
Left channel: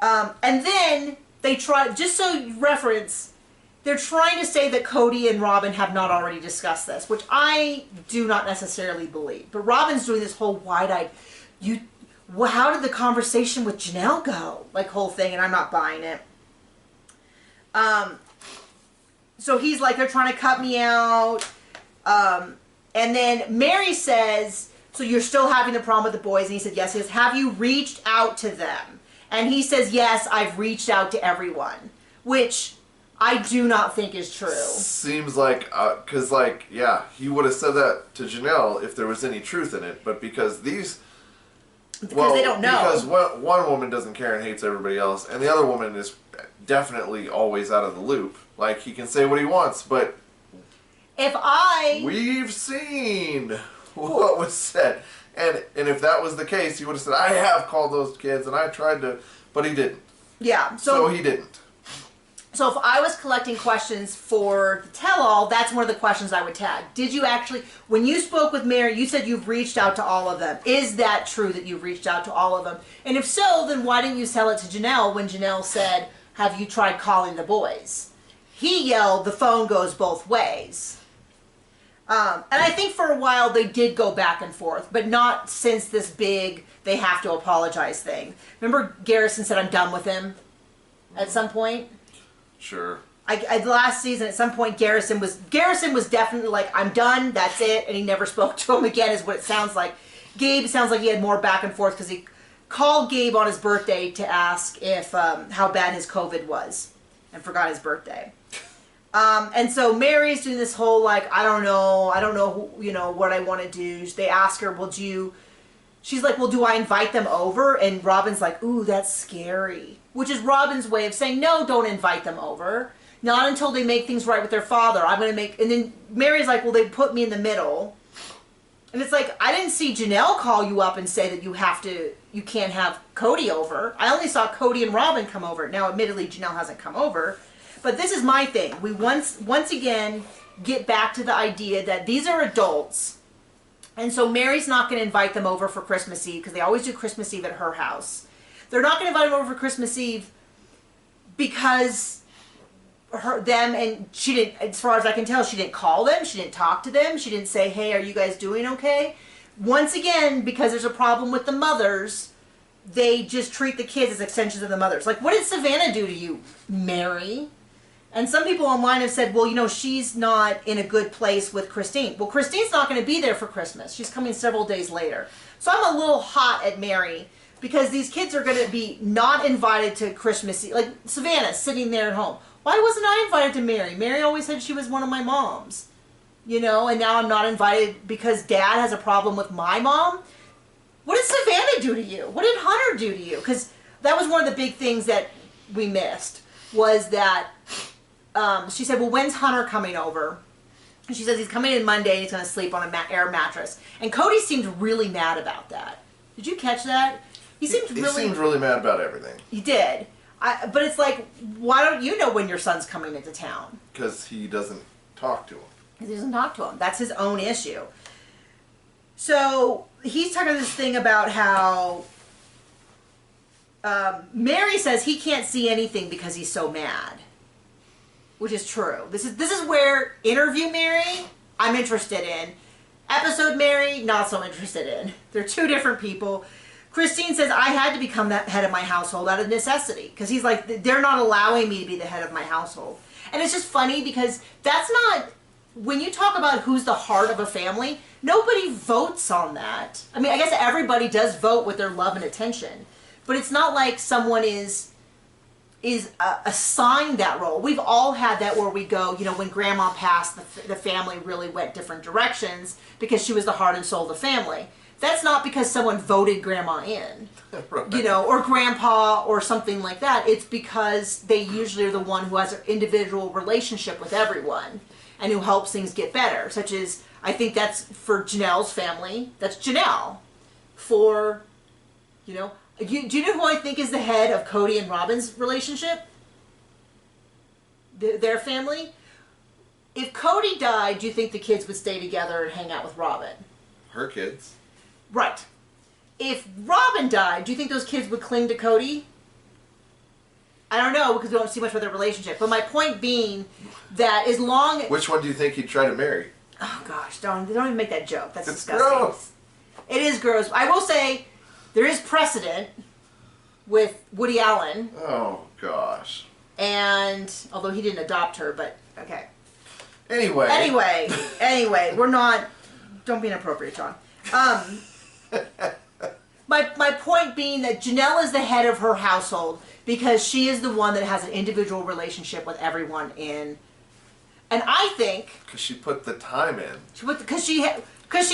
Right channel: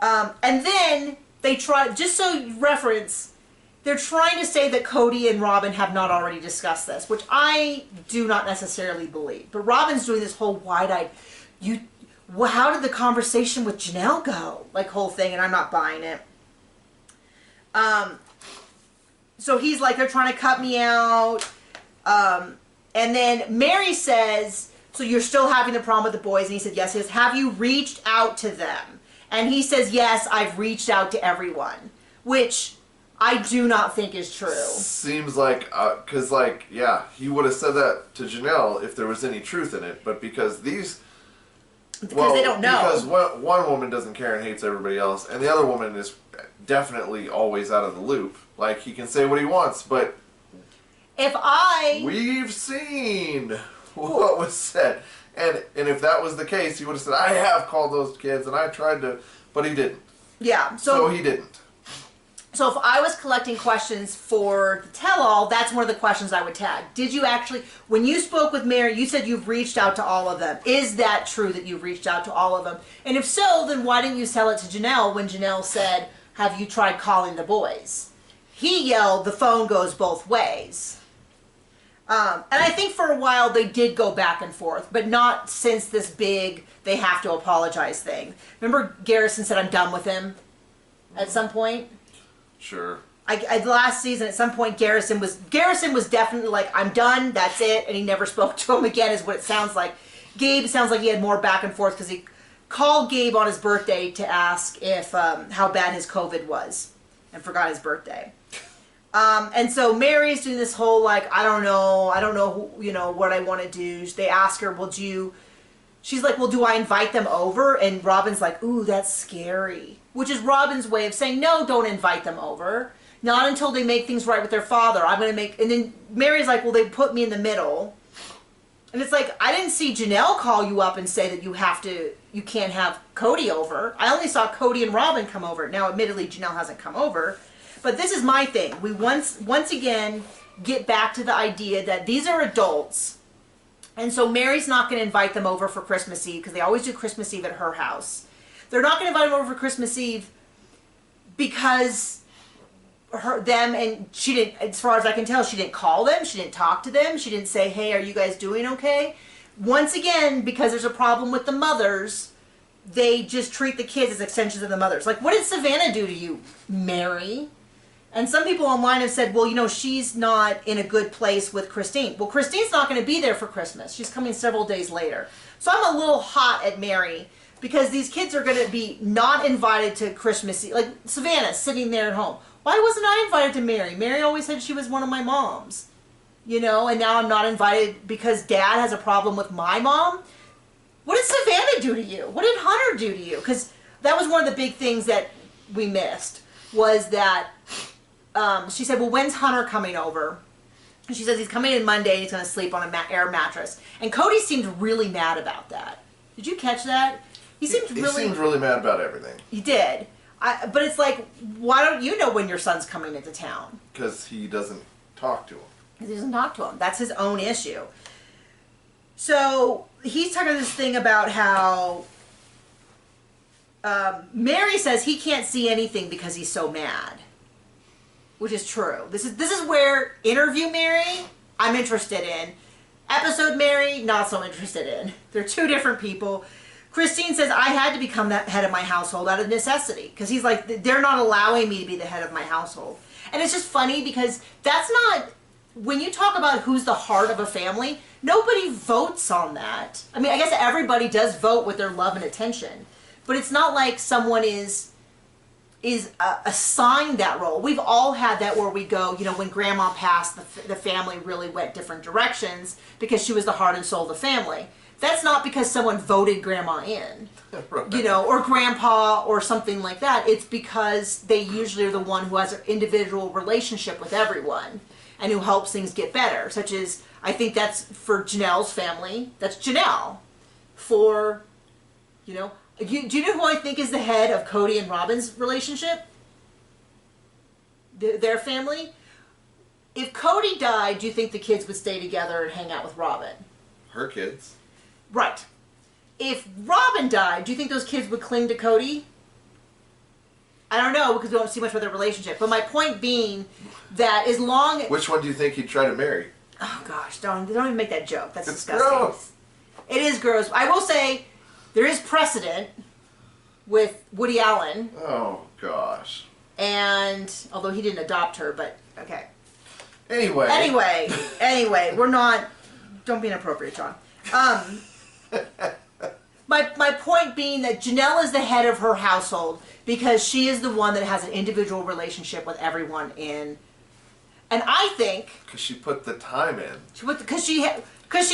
And then they tried, just so you reference, they're trying to say that Cody and Robin have not already discussed this, which I do not necessarily believe. But Robin's doing this whole wide-eyed, how did the conversation with Janelle go? Like, whole thing, and I'm not buying it. So he's like, they're trying to cut me out. And then Mary says, so you're still having the problem with the boys? And he said, yes. He says, have you reached out to them? And he says, yes, I've reached out to everyone. Which I do not think is true. Seems like, because, he would have said that to Janelle if there was any truth in it. But because they don't know. Because one woman doesn't care and hates everybody else, and the other woman is definitely always out of the loop. Like, he can say what he wants, but we've seen what was said. And if that was the case, he would have said, I have called those kids, and I tried to, but he didn't. Yeah. So he didn't. So if I was collecting questions for the tell-all, that's one of the questions I would tag. Did you actually, when you spoke with Mary, you said you've reached out to all of them. Is that true that you've reached out to all of them? And if so, then why didn't you tell it to Janelle when Janelle said, have you tried calling the boys? He yelled, the phone goes both ways. And I think for a while they did go back and forth, but not since this big, they have to apologize thing. Remember Garrison said, I'm done with him at some point? Sure. Last season, at some point, Garrison was definitely like, I'm done, that's it, and he never spoke to him again, is what it sounds like. Gabe sounds like he had more back and forth because he called Gabe on his birthday to ask if how bad his COVID was, and forgot his birthday. And so Mary's doing this whole like, I don't know who, what I want to do. They ask her, she's like, well, do I invite them over? And Robin's like, ooh, that's scary. Which is Robin's way of saying, no, don't invite them over. Not until they make things right with their father. And then Mary's like, well, they put me in the middle. And it's like, I didn't see Janelle call you up and say that you can't have Cody over. I only saw Cody and Robin come over. Now, admittedly, Janelle hasn't come over. But this is my thing. We once again get back to the idea that these are adults. And so Mary's not going to invite them over for Christmas Eve because they always do Christmas Eve at her house. They're not going to invite them over for Christmas Eve because she didn't, as far as I can tell, she didn't call them. She didn't talk to them. She didn't say, hey, are you guys doing okay? Once again, because there's a problem with the mothers, they just treat the kids as extensions of the mothers. Like, what did Savannah do to you, Mary? And some people online have said, well, she's not in a good place with Christine. Well, Christine's not going to be there for Christmas. She's coming several days later. So I'm a little hot at Mary because these kids are going to be not invited to Christmas Eve. Like Savannah sitting there at home. Why wasn't I invited to Mary? Mary always said she was one of my moms. And now I'm not invited because Dad has a problem with my mom. What did Savannah do to you? What did Hunter do to you? Because that was one of the big things that we missed was that she said, well, when's Hunter coming over? And she says he's coming in Monday and he's going to sleep on an air mattress. And Cody seemed really mad about that. Did you catch that? He seemed really mad about everything. He did. But it's like, why don't you know when your son's coming into town? Because he doesn't talk to him. He doesn't talk to him. That's his own issue. So he's talking this thing about how Mary says he can't see anything because he's so mad. Which is true. This is where interview Mary, I'm interested in. Episode Mary, not so interested in. They're two different people. Christine says, I had to become the head of my household out of necessity. Because he's like, they're not allowing me to be the head of my household. And it's just funny because that's not, when you talk about who's the heart of a family, nobody votes on that. I mean, I guess everybody does vote with their love and attention. But it's not like someone is assigned that role. We've all had that where we go, when Grandma passed, the family really went different directions because she was the heart and soul of the family. That's not because someone voted Grandma in, right. Or Grandpa or something like that. It's because they usually are the one who has an individual relationship with everyone and who helps things get better, such as, I think that's for Janelle's family. That's Janelle. For, do you know who I think is the head of Cody and Robin's relationship? Their family? If Cody died, do you think the kids would stay together and hang out with Robin? Her kids. Right. If Robin died, do you think those kids would cling to Cody? I don't know because we don't see much of their relationship. But my point being that as long... Which one do you think he'd try to marry? Oh gosh, don't even make that joke. That's it's disgusting. Gross. It is gross. I will say there is precedent with Woody Allen. Oh gosh. And although he didn't adopt her, but okay. Anyway, we're not. Don't be inappropriate, John. My point being that Janelle is the head of her household because she is the one that has an individual relationship with everyone in. And I think because she put the time in. Because she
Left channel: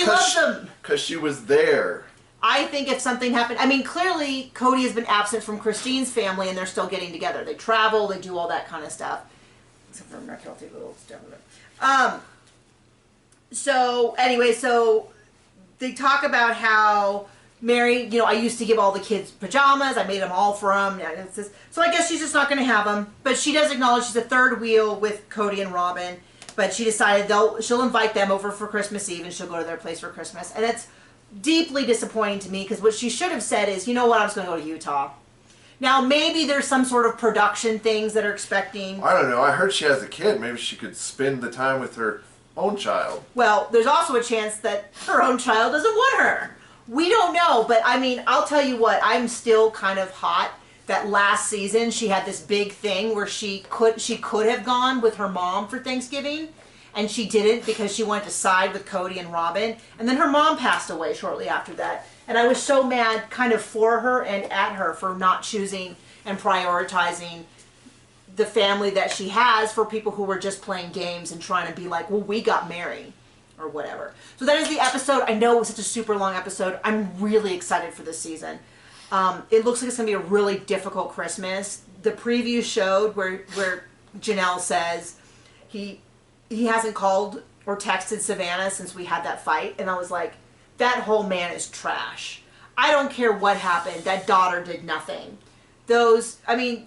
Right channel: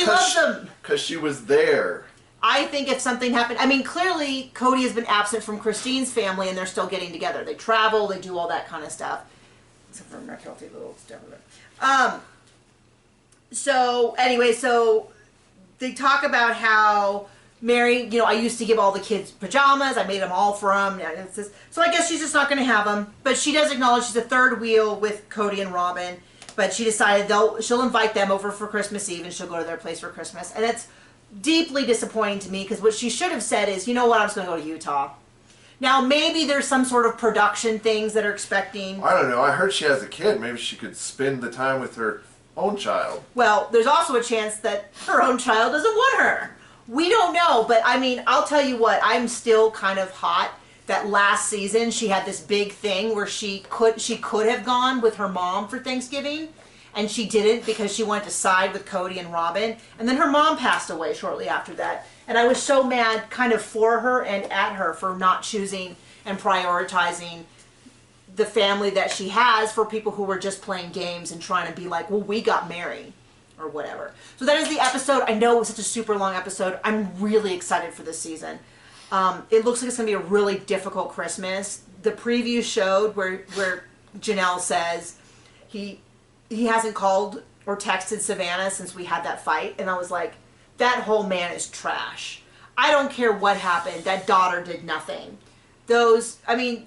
loves them. Because she was there. I think if something happened, I mean, clearly Cody has been absent from Christine's family and they're still getting together. They travel, they do all that kind of stuff. Except for Markelty, little stuff of it. So anyway, so they talk about how Mary, you know, I used to give all the kids pajamas. I made them all for them. So I guess she's just not going to have them. But she does acknowledge she's a third wheel with Cody and Robin. But she decided she'll invite them over for Christmas Eve and she'll go to their place for Christmas. And it's deeply disappointing to me because what she should have said is, you know what, I'm just going to go to Utah. Now, maybe there's some sort of production things that are expecting. I don't know. I heard she has a kid. Maybe she could spend the time with her own child. Well, there's also a chance that her own child doesn't want her. We don't know, but I mean, I'll tell you what, I'm still kind of hot that last season she had this big thing where she could have gone with her mom for Thanksgiving, and she didn't because she wanted to side with Cody and Robin, and then her mom passed away shortly after that. And I was so mad kind of for her and at her for not choosing and prioritizing the family that she has for people who were just playing games and trying to be like, well, we got married or whatever. So that is the episode. I know it was such a super long episode. I'm really excited for this season. It looks like it's going to be a really difficult Christmas. The preview showed where Janelle says he hasn't called or texted Savannah since we had that fight. And I was like, that whole man is trash. I don't care what happened. That daughter did nothing. I mean,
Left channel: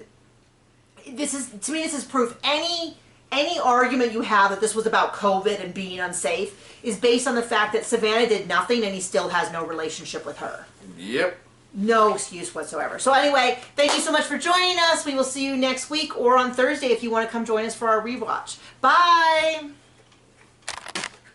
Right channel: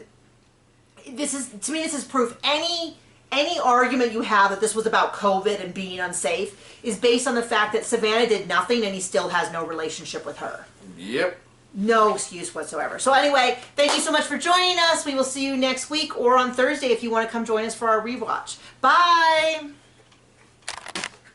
this is proof. Any argument you have that this was about COVID and being unsafe is based on the fact that Savannah did nothing and he still has no relationship with her. Yep. No excuse whatsoever. So anyway, thank you so much for joining us. We will see you next week or on Thursday if you want to come join us for our rewatch. Bye!